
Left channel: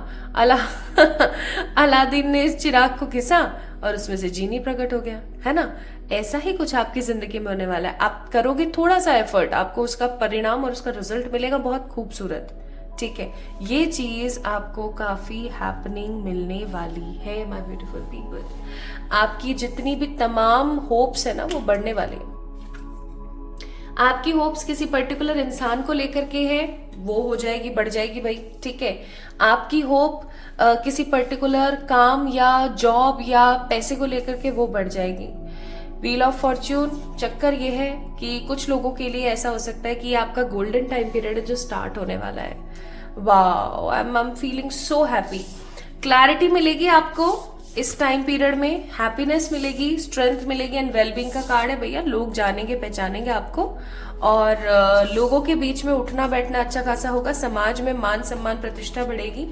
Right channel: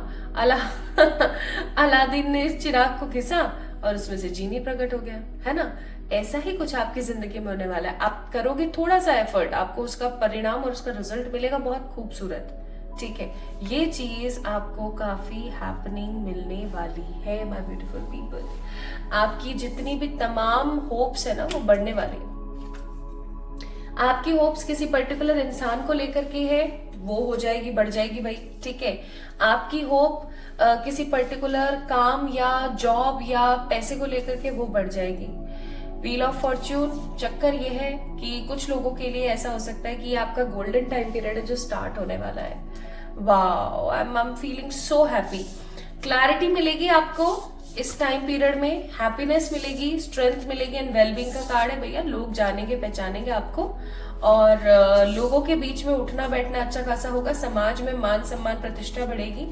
अलादीन ने इस चिराग को घिसा और उसमें से जीनी प्रकट हो गया, है ना। ऐसा ही कुछ आपकी जिंदगी में होने वाला है। आप करोगे थोड़ा सा एफर्ट, आपको उसका परिणाम और उसका रिजल्ट मिलेगा बहुत खूबसूरत, ठीक है। ये चीज आपको काफी हैपनिंग मिलने वाली है माय ब्यूटीफुल पीपल। आपकी जितनी भी तमाम होप्स है ना वो बढ़ने वाली है। आपकी होप्स किसी पर्टिकुलर इंसान को लेकर के है, वो हो जाएगी, बढ़ जाएगी भाई, ठीक है। आपकी होप किसी पर्टिकुलर काम या जॉब या पैसे को लेकर के वो बढ़ जाएगी। व्हील ऑफ फॉर्च्यून चक्कर ये है कि कुछ लोगों के लिए ऐसा हो सकता है कि आपका गोल्डन टाइम पीरियड है जो स्टार्ट होने वाला है। Wow, I am feeling so happy. Clarity मिलेगी आपको इस टाइम पीरियड में, हैप्पीनेस मिलेगी, स्ट्रेंथ मिलेगी एंड वेलबींग का कार्ड है भैया। लोग जानेंगे, पहचानेंगे आपको, और लोगों के बीच में उठना बैठना अच्छा खासा होगा, समाज में मान सम्मान प्रतिष्ठा बढ़ेगी।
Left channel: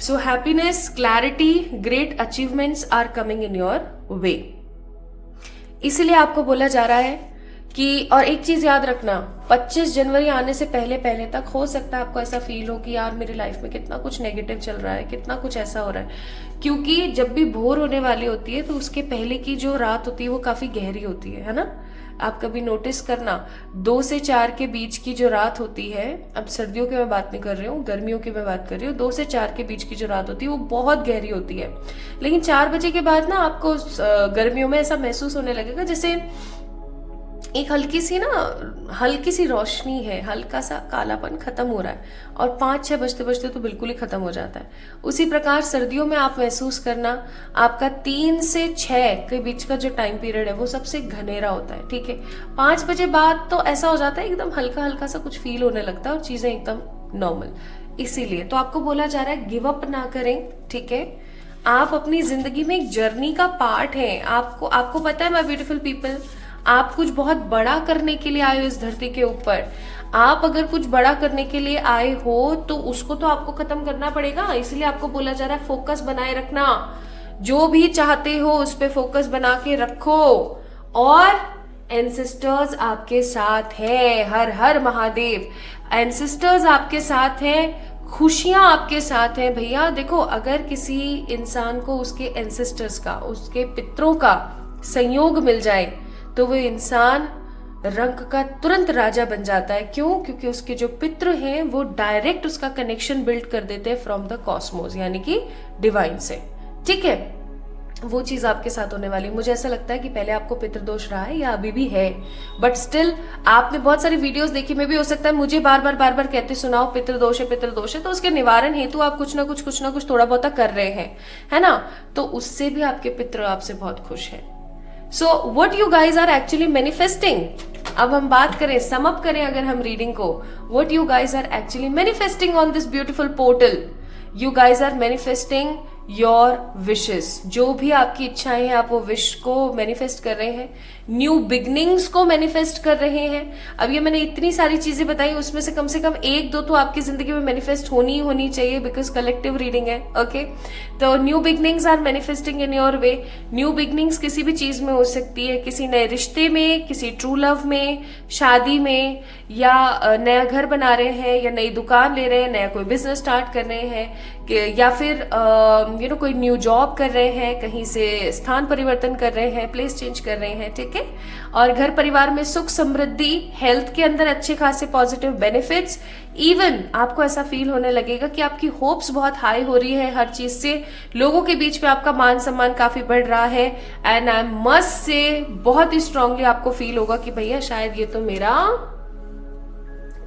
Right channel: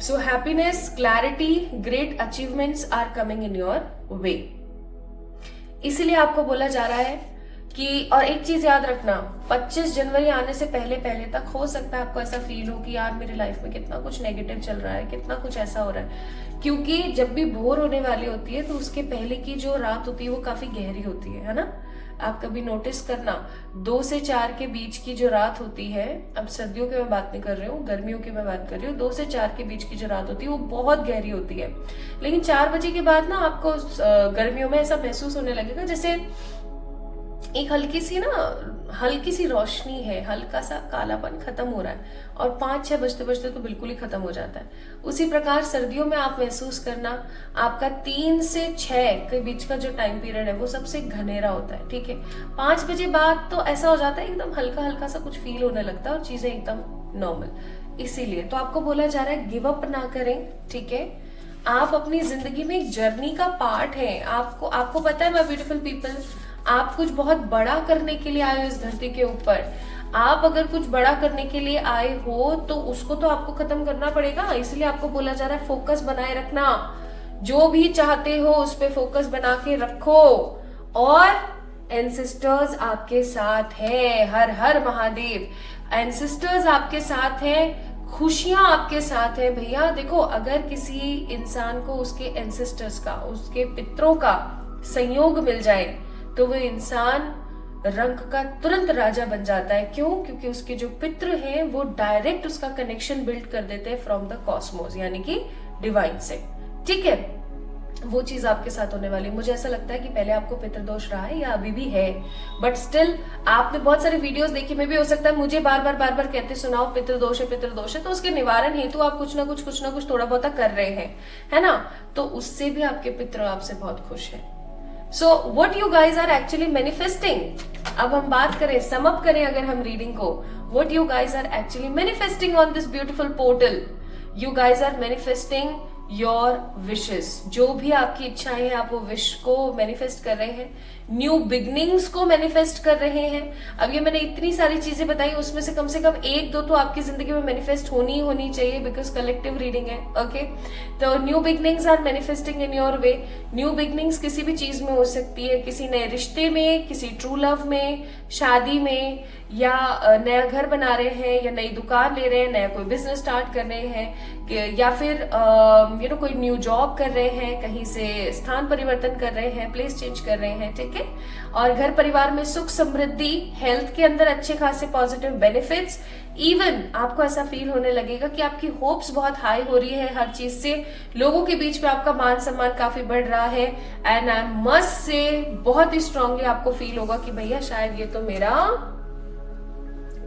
So happiness, clarity, great achievements are coming in your way. इसीलिए आपको बोला जा रहा है कि, और एक चीज याद रखना, 25 जनवरी आने से पहले पहले तक हो सकता है आपको ऐसा फील हो कि यार मेरी लाइफ में कितना कुछ नेगेटिव चल रहा है, कितना कुछ ऐसा हो रहा है। क्योंकि जब भी भोर होने वाली होती है तो उसके पहले की जो रात होती है वो काफी गहरी होती है ना। आप कभी नोटिस करना, 2 से 4 के बीच की जो रात होती है, अब सर्दियों की मैं बात नहीं कर रही हूँ, गर्मियों की मैं बात कर रही हूँ, 2 से 4 के बीच की जो रात होती है वो बहुत गहरी होती है। लेकिन 4 बजे के बाद ना आपको गर्मियों में ऐसा महसूस होने लगेगा जैसे एक हल्की सी रोशनी है, हल्का सा कालापन खत्म हो रहा है, और 5-6 बजते बजते तो बिल्कुल ही खत्म हो जाता है। उसी प्रकार सर्दियों में आप महसूस करना, आपका 3 से 6 के बीच का जो टाइम पीरियड है वो सबसे घनेरा होता है, ठीक है। 5 बजे बाद तो ऐसा हो जाता है, एकदम हल्का हल्का सा कुछ फील होने लगता है और चीजें एकदम नॉर्मल। इसीलिए तो आपको बोला जा रहा है गिव अप ना करें, ठीक है। आप अपनी जिंदगी में एक जर्नी का पार्ट है। आपको पता है माय ब्यूटीफुल पीपल, आप कुछ बहुत बड़ा करने के लिए आए हो इस धरती के ऊपर। आप अगर कुछ बड़ा करने के लिए आए हो तो उसको तो आपको खत्म करना पड़ेगा। इसलिए आपको बोला जा रहा है फोकस बनाए रखना, जो भी चाहते हो उस पे फोकस बना के रखो। और एंसेस्टर्स आपके साथ है, हर हर महादेव, एंसेस्टर्स आपके साथ हैं, खुशियां आपके साथ हैं भैया। देखो, अगर किसी इंसान को उसके एंसेस्टर्स का, उसके पितरों का संयोग मिल जाए तो वो इंसान रंग का तुरंत राजा बन जाता है। क्यों? क्योंकि उसके जो पितृ हैं वो डायरेक्ट उसका कनेक्शन बिल्ड कर देते हैं फ्रॉम द कॉस्मोस, यानी कि डिवाइन से, ठीक है। वो चीज आपके साथ होने वाली है। मुझे ऐसा लगता है कि पहले आपको पितृदोष रहा है या अभी भी है, बट स्टिल आपने बहुत सारी वीडियोस देखी में भी हो सकता है मुझे बार बार कहते सुनाओ पितृदोष है, तो उसके निवारण हेतु आप कुछ ना कुछ थोड़ा बहुत कर रहे हैं, है ना। तो उससे भी आपके पितृ आपसे बहुत खुश है। So what you guys are actually manifesting, अब हम बात करें, सम अप करें अगर हम रीडिंग को, what you guys are actually manifesting on this beautiful portal, you guys are manifesting your wishes. जो भी आपकी इच्छाएं हैं आप वो विश को मैनिफेस्ट कर रहे हैं, न्यू बिगनिंग्स को मैनिफेस्ट कर रहे हैं। अब ये मैंने इतनी सारी चीजें बताई, उसमें से कम एक दो तो आपकी जिंदगी में मैनिफेस्ट होनी चाहिए, बिकॉज कलेक्टिव रीडिंग है। ओके, तो new beginnings are manifesting in your way. New beginnings किसी भी चीज में हो सकती है, किसी नए रिश्ते में, किसी ट्रू लव में, शादी में, या नया घर बना रहे हैं, या नई दुकान ले रहे हैं, नया कोई बिजनेस स्टार्ट कर रहे हैं, या फिर कोई न्यू जॉब कर रहे हैं, कहीं से स्थान परिवर्तन कर रहे हैं, प्लेस चेंज कर रहे हैं, ठीक है। और घर परिवार में सुख समृद्धि, हेल्थ के अंदर अच्छे खासे पॉजिटिव बेनिफिट्स, इवन आपको ऐसा फील होने लगेगा कि आपकी होप्स बहुत हाई हो रही है हर चीज से, लोगों के बीच में आपका मान सम्मान काफी बढ़ रहा है। एंड आई मस्ट से बहुत ही स्ट्रांगली आपको फील होगा कि भैया शायद ये तो मेरा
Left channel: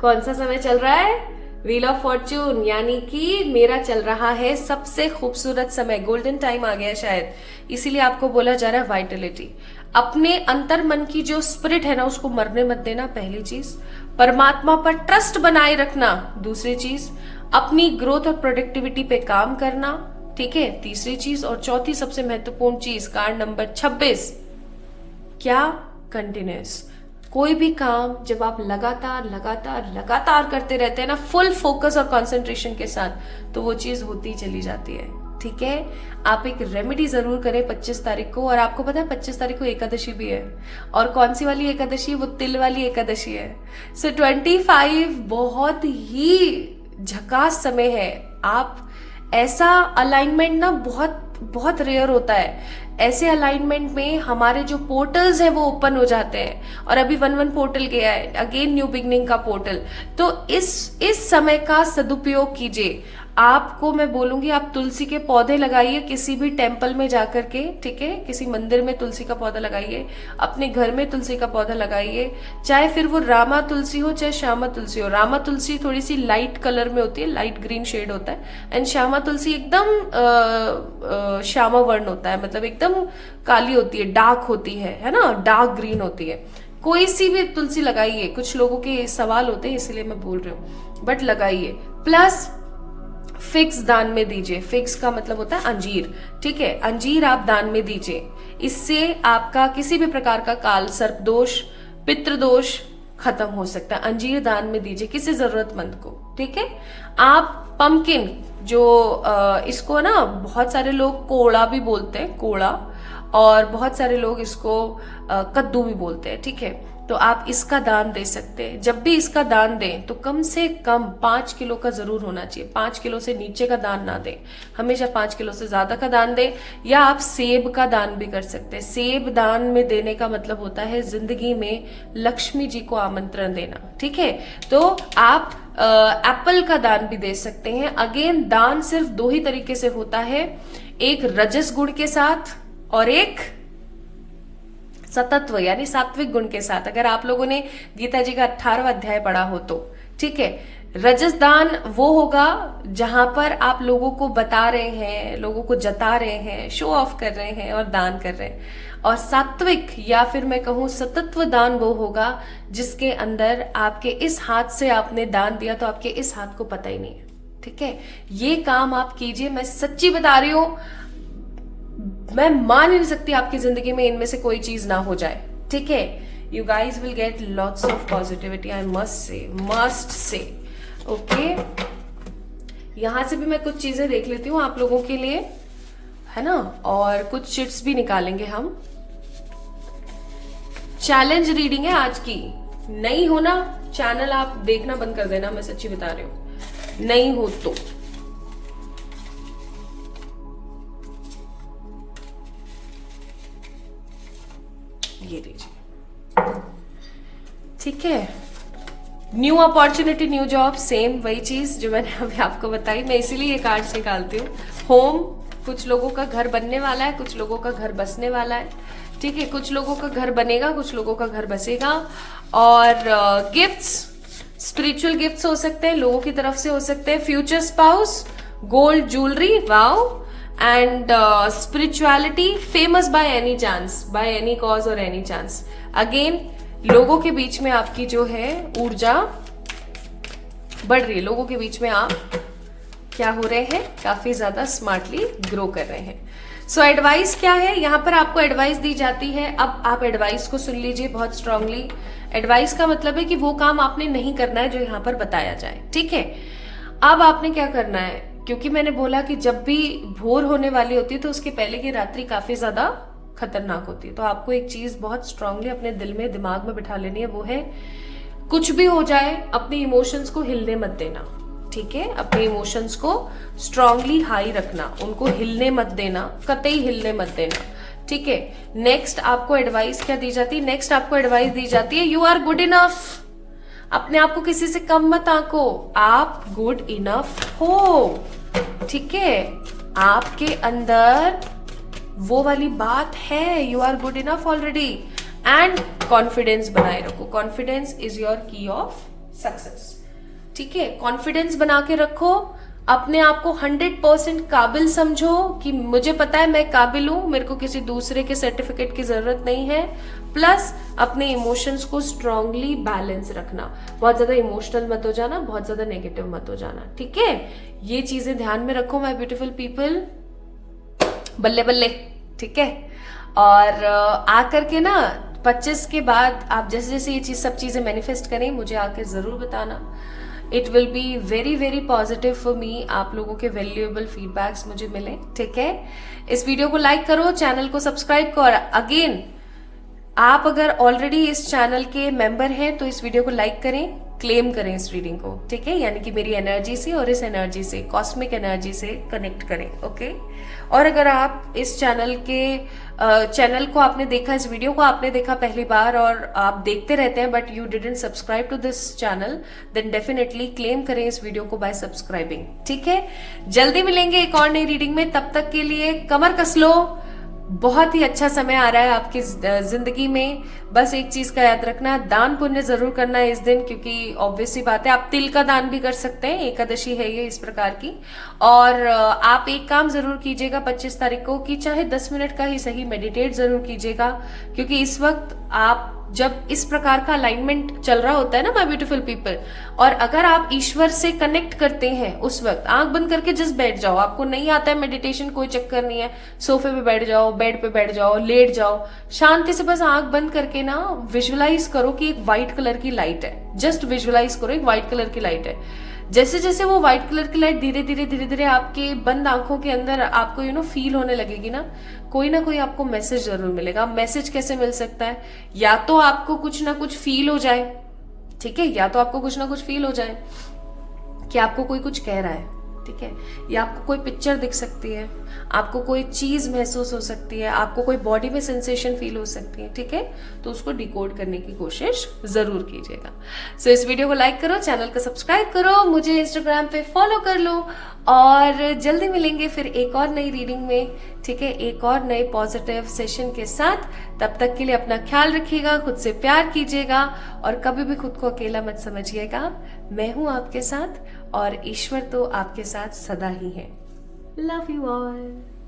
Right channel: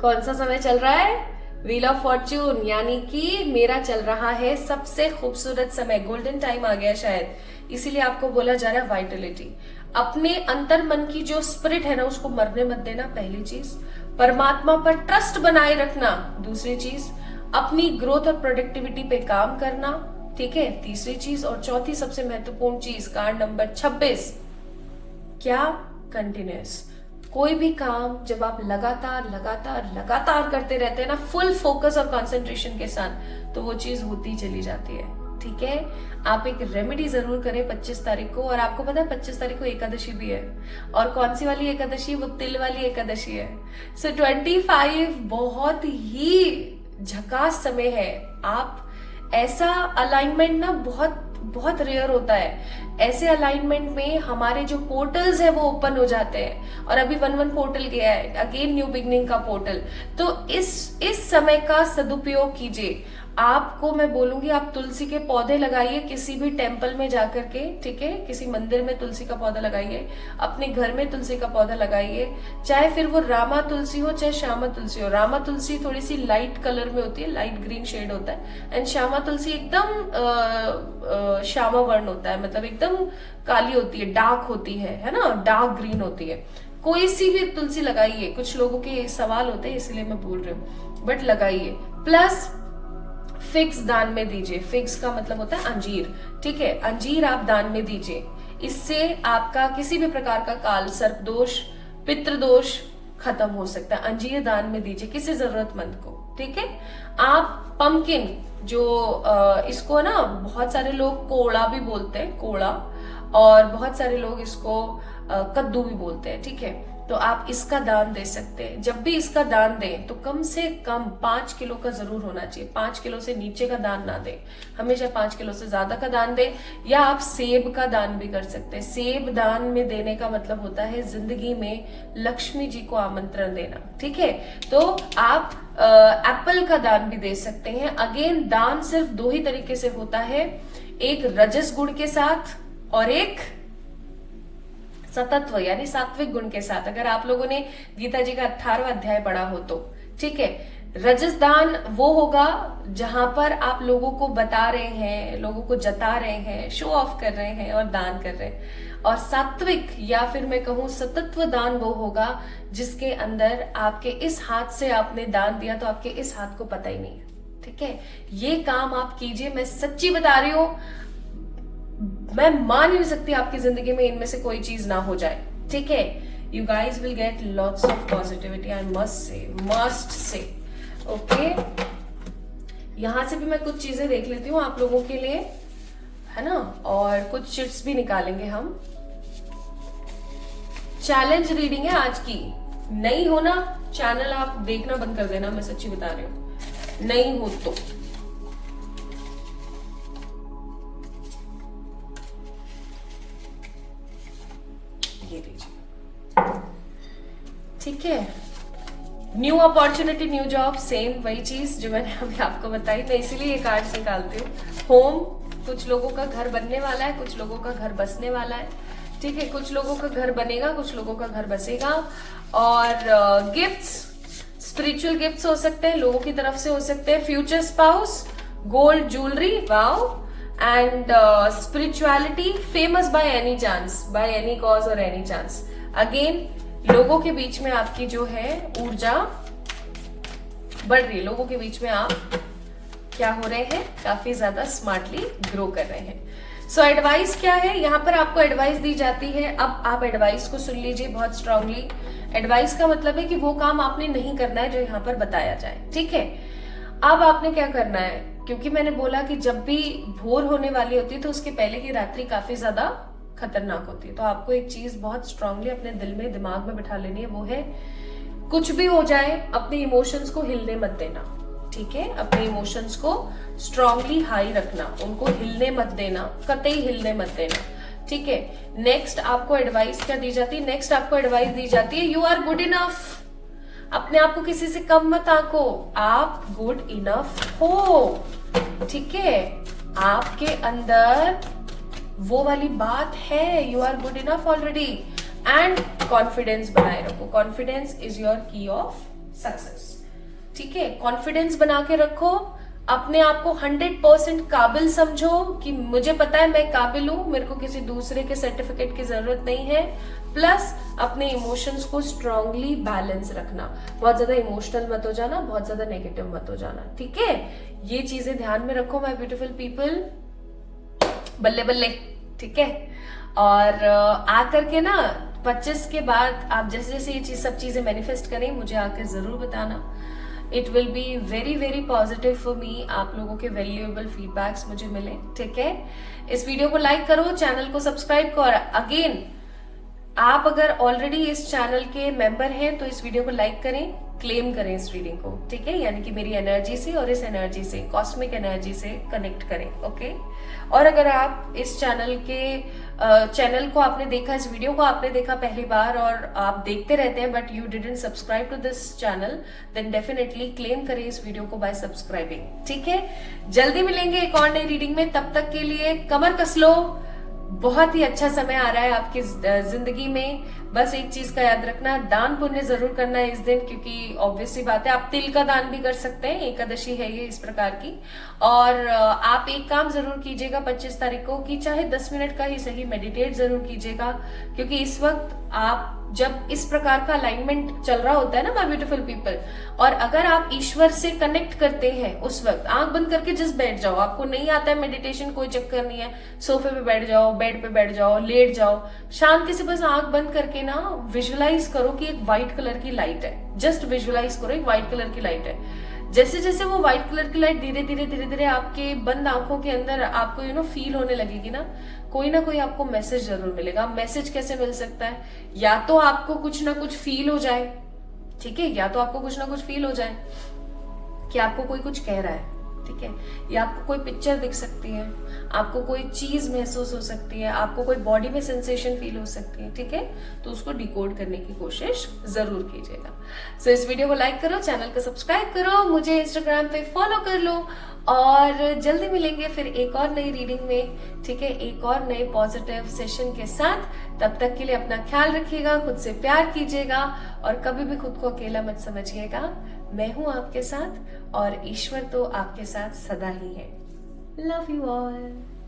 कौन सा समय चल रहा है, व्हील ऑफ फॉर्च्यून, यानी कि मेरा चल रहा है सबसे खूबसूरत समय, गोल्डन टाइम आ गया शायद। इसीलिए आपको बोला जा रहा है वाइटलिटी। अपने अंतर मन की जो स्पिरिट है ना उसको मरने मत देना, पहली चीज। परमात्मा पर ट्रस्ट बनाए रखना, दूसरी चीज। अपनी ग्रोथ और प्रोडक्टिविटी पे काम करना, ठीक है, तीसरी चीज। और चौथी सबसे महत्वपूर्ण चीज, कार्ड नंबर 26, क्या, कंटिन्यूस। कोई भी काम जब आप लगातार करते रहते हैं ना, फुल फोकस और कंसंट्रेशन के साथ, तो वो चीज होती चली जाती है, ठीक है। आप एक रेमेडी जरूर करें 25 तारीख को। और आपको पता है 25 तारीख को एकादशी भी है, और कौन सी वाली एकादशी, वो तिल वाली एकादशी है। सो 25 बहुत ही झकास समय है। आप ऐसा अलाइनमेंट ना बहुत रेयर होता है। ऐसे अलाइनमेंट में हमारे जो पोर्टल्स हैं वो ओपन हो जाते हैं, और अभी 1-1 पोर्टल गया है, अगेन न्यू बिगनिंग का पोर्टल। तो इस समय का सदुपयोग कीजिए। आपको मैं बोलूंगी आप तुलसी के पौधे लगाइए किसी भी टेम्पल में जाकर के, ठीक है, किसी मंदिर में तुलसी का पौधा लगाइए, अपने घर में तुलसी का पौधा लगाइए, चाहे फिर वो रामा तुलसी हो चाहे श्यामा तुलसी हो। रामा तुलसी थोड़ी सी लाइट कलर में होती है, लाइट ग्रीन शेड होता है, एंड श्यामा तुलसी एकदम श्यामा वर्ण होता है, मतलब एकदम काली होती है, डार्क होती है ना, डार्क ग्रीन होती है। कोई सी भी तुलसी लगाइए, कुछ लोगों के सवाल होते हैं इसलिए मैं बोल रही हूँ, बट लगाइए। प्लस फिक्स दान में दीजिए। फिक्स का मतलब होता है अंजीर, ठीक है, अंजीर आप दान में दीजिए। इससे आपका किसी भी प्रकार का काल सर्प दोष, पितृदोष खत्म हो सकता है। अंजीर दान में दीजिए किसी जरूरतमंद को, ठीक है। आप पंपकिन, जो इसको ना बहुत सारे लोग कोड़ा भी बोलते हैं, कोड़ा, और बहुत सारे लोग इसको कद्दू भी बोलते हैं, ठीक है। तो आप इसका दान दे सकते हैं। जब भी इसका दान दें तो कम से कम 5 किलो का जरूर होना चाहिए। 5 किलो से नीचे का दान ना दें, हमेशा 5 किलो से ज्यादा का दान दें। या आप सेब का दान भी कर सकते हैं। सेब दान में देने का मतलब होता है जिंदगी में लक्ष्मी जी को आमंत्रण देना, ठीक है। तो आप एप्पल का दान भी दे सकते हैं। अगेन दान सिर्फ 2 ही तरीके से होता है, एक रजस गुण के साथ और एक सतत्व यानी सात्विक गुण के साथ। अगर आप लोगों ने गीता जी का 18वां अध्याय पढ़ा हो तो, ठीक है। रजस दान वो होगा जहां पर आप लोगों को बता रहे हैं, लोगों को जता रहे हैं, शो ऑफ कर रहे हैं और दान कर रहे हैं। और सात्विक या फिर मैं कहूं सतत्व दान वो होगा जिसके अंदर आपके इस हाथ से आपने दान दिया तो आपके इस हाथ को पता ही नहीं है, ठीक है। ये काम आप कीजिए, मैं सच्ची बता रही हूं, मैं मान ही नहीं सकती आपकी जिंदगी में इनमें से कोई चीज ना हो जाए, ठीक है। You guys will get lots of positivity, I must say okay. यहां से भी मैं कुछ चीजें देख लेती हूँ आप लोगों के लिए, है ना, और कुछ चिट्स भी निकालेंगे हम। चैलेंज रीडिंग है आज की। नहीं हो ना चैनल आप देखना बंद कर देना, मैं सच्ची बता रही हूं, नहीं हो तो। ये लीजिए, ठीक है। New opportunity, new job, same वही चीज जो मैंने अभी आपको बताई। मैं इसीलिए ये कार्ड्स निकालती हूँ। होम, कुछ लोगों का घर बनने वाला है, कुछ लोगों का घर बसने वाला है, ठीक है। कुछ लोगों का घर बनेगा, कुछ लोगों का घर बसेगा। और गिफ्ट्स, स्पिरिचुअल गिफ्ट्स हो सकते हैं, लोगों की तरफ से हो सकते हैं। Future spouse, gold jewellery, wow. And spirituality, famous by any chance, by any cause और एनी चांस। अगेन लोगों के बीच में आपकी जो है ऊर्जा बढ़ रही है, लोगों के बीच में आप क्या हो रहे हैं, काफी ज्यादा स्मार्टली ग्रो कर रहे हैं। सो एडवाइस क्या है, यहाँ पर आपको एडवाइस दी जाती है। अब आप एडवाइस को सुन लीजिए बहुत स्ट्रांगली। एडवाइस का मतलब है कि वो काम आपने नहीं करना है जो यहाँ पर बताया जाए, ठीक है। अब आपने क्या करना है, क्योंकि मैंने बोला कि जब भी भोर होने वाली होती है तो उसके पहले की रात्रि काफी ज्यादा खतरनाक होती है। तो आपको एक चीज बहुत स्ट्रांगली अपने दिल में, दिमाग में बिठा लेनी है, वो है कुछ भी हो जाए अपने इमोशंस को हिलने मत देना, ठीक है। अपने इमोशंस को स्ट्रांगली हाई रखना, उनको हिलने मत देना, कतई हिलने मत देना, ठीक है। नेक्स्ट आपको एडवाइस क्या दी जाती है, नेक्स्ट आपको एडवाइस दी जाती है यू आर गुड इनफ। अपने आप को किसी से कम मत आंको, आप गुड इनफ हो, ठीक है। आपके अंदर वो वाली बात है, you are good enough already. And confidence बनाए रखो, confidence is your key of success, ठीक है। कॉन्फिडेंस बना के रखो, अपने आप को 100% काबिल समझो कि मुझे पता है मैं काबिल हूं, मेरे को किसी दूसरे के सर्टिफिकेट की जरूरत नहीं है। प्लस अपने इमोशंस को स्ट्रांगली बैलेंस रखना, बहुत ज्यादा इमोशनल मत हो जाना, बहुत ज्यादा नेगेटिव मत हो जाना, ठीक है। ये चीजें ध्यान में रखो माय ब्यूटीफुल पीपल, बल्ले बल्ले, ठीक है। और आकर के ना 25 के बाद आप जैसे जैसे ये सब चीजें मैनिफेस्ट करें, मुझे आकर जरूर बताना। It will be very very positive for me, आप लोगों के वैल्यूएबल फीडबैक्स मुझे मिले, ठीक है। इस वीडियो को लाइक करो, चैनल को सब्सक्राइब करो। अगेन आप अगर ऑलरेडी इस चैनल के मेंबर हैं तो इस वीडियो को लाइक करें, क्लेम करें इस रीडिंग को, ठीक है। यानी कि मेरी एनर्जी से और इस एनर्जी से, कॉस्मिक एनर्जी से कनेक्ट करें, ओके। और अगर आप इस चैनल को आपने देखा, इस वीडियो को आपने देखा पहली बार और आप देखते रहते हैं but you didn't subscribe to this channel, then definitely claim करें इस वीडियो को बाय सब्सक्राइबिंग, ठीक है। जल्दी मिलेंगे एक और नई रीडिंग में, तब तक के लिए कमर कस लो। बहुत ही अच्छा समय आ रहा है आपकी जिंदगी में। बस एक चीज का याद रखना, दान पुण्य जरूर करना है इस दिन, क्योंकि ऑब्वियसली बात है आप तिल का दान भी कर सकते हैं, एकादशी है ये इस प्रकार की। और आप एक काम जरूर कीजिएगा 25 तारीख को, कि चाहे 10 मिनट का ही सही मेडिटेट जरूर कीजिएगा, क्योंकि इस वक्त आप जब इस प्रकार का अलाइनमेंट चल रहा होता है ना माय ब्यूटीफुल पीपल, और अगर आप ईश्वर से कनेक्ट करते हैं उस वक्त आंख बंद करके जस्ट बैठ जाओ। आपको नहीं आता है मेडिटेशन, कोई चक्कर नहीं है, सोफे पे बैठ जाओ, बेड पे बैठ जाओ, लेट जाओ, शांति से बस आंख बंद करके ना विजुअलाइज करो कि एक व्हाइट कलर की लाइट है। जस्ट विजुअलाइज करो एक व्हाइट कलर की लाइट है। जैसे जैसे वो व्हाइट कलर की लाइट धीरे धीरे धीरे धीरे आपके बंद आंखों के अंदर आपको फील होने लगेगी ना कोई आपको मैसेज जरूर मिलेगा। मैसेज कैसे मिल सकता है, या तो आपको कुछ ना कुछ फील हो जाए, ठीक है, या तो आपको कुछ ना कुछ फील हो जाए कि आपको कोई कुछ कह रहा है, ठीक है, या आपको कोई पिक्चर दिख सकती है, आपको कोई चीज महसूस हो सकती है, आपको कोई बॉडी में सेंसेशन फील हो सकती है, ठीक है। तो उसको डिकोड करने की कोशिश जरूर कीजिएगा। सो इस वीडियो को लाइक करो, चैनल को सब्सक्राइब करो, मुझे इंस्टाग्राम पे फॉलो कर लो, और जल्दी मिलेंगे फिर एक और नई रीडिंग में, ठीक है, एक और नए पॉजिटिव सेशन के साथ। तब तक के लिए अपना ख्याल रखिएगा, खुद से प्यार कीजिएगा, और कभी भी खुद को अकेला मत समझिएगा। मैं हूं आपके साथ और ईश्वर तो आपके साथ सदा ही है। Love you all.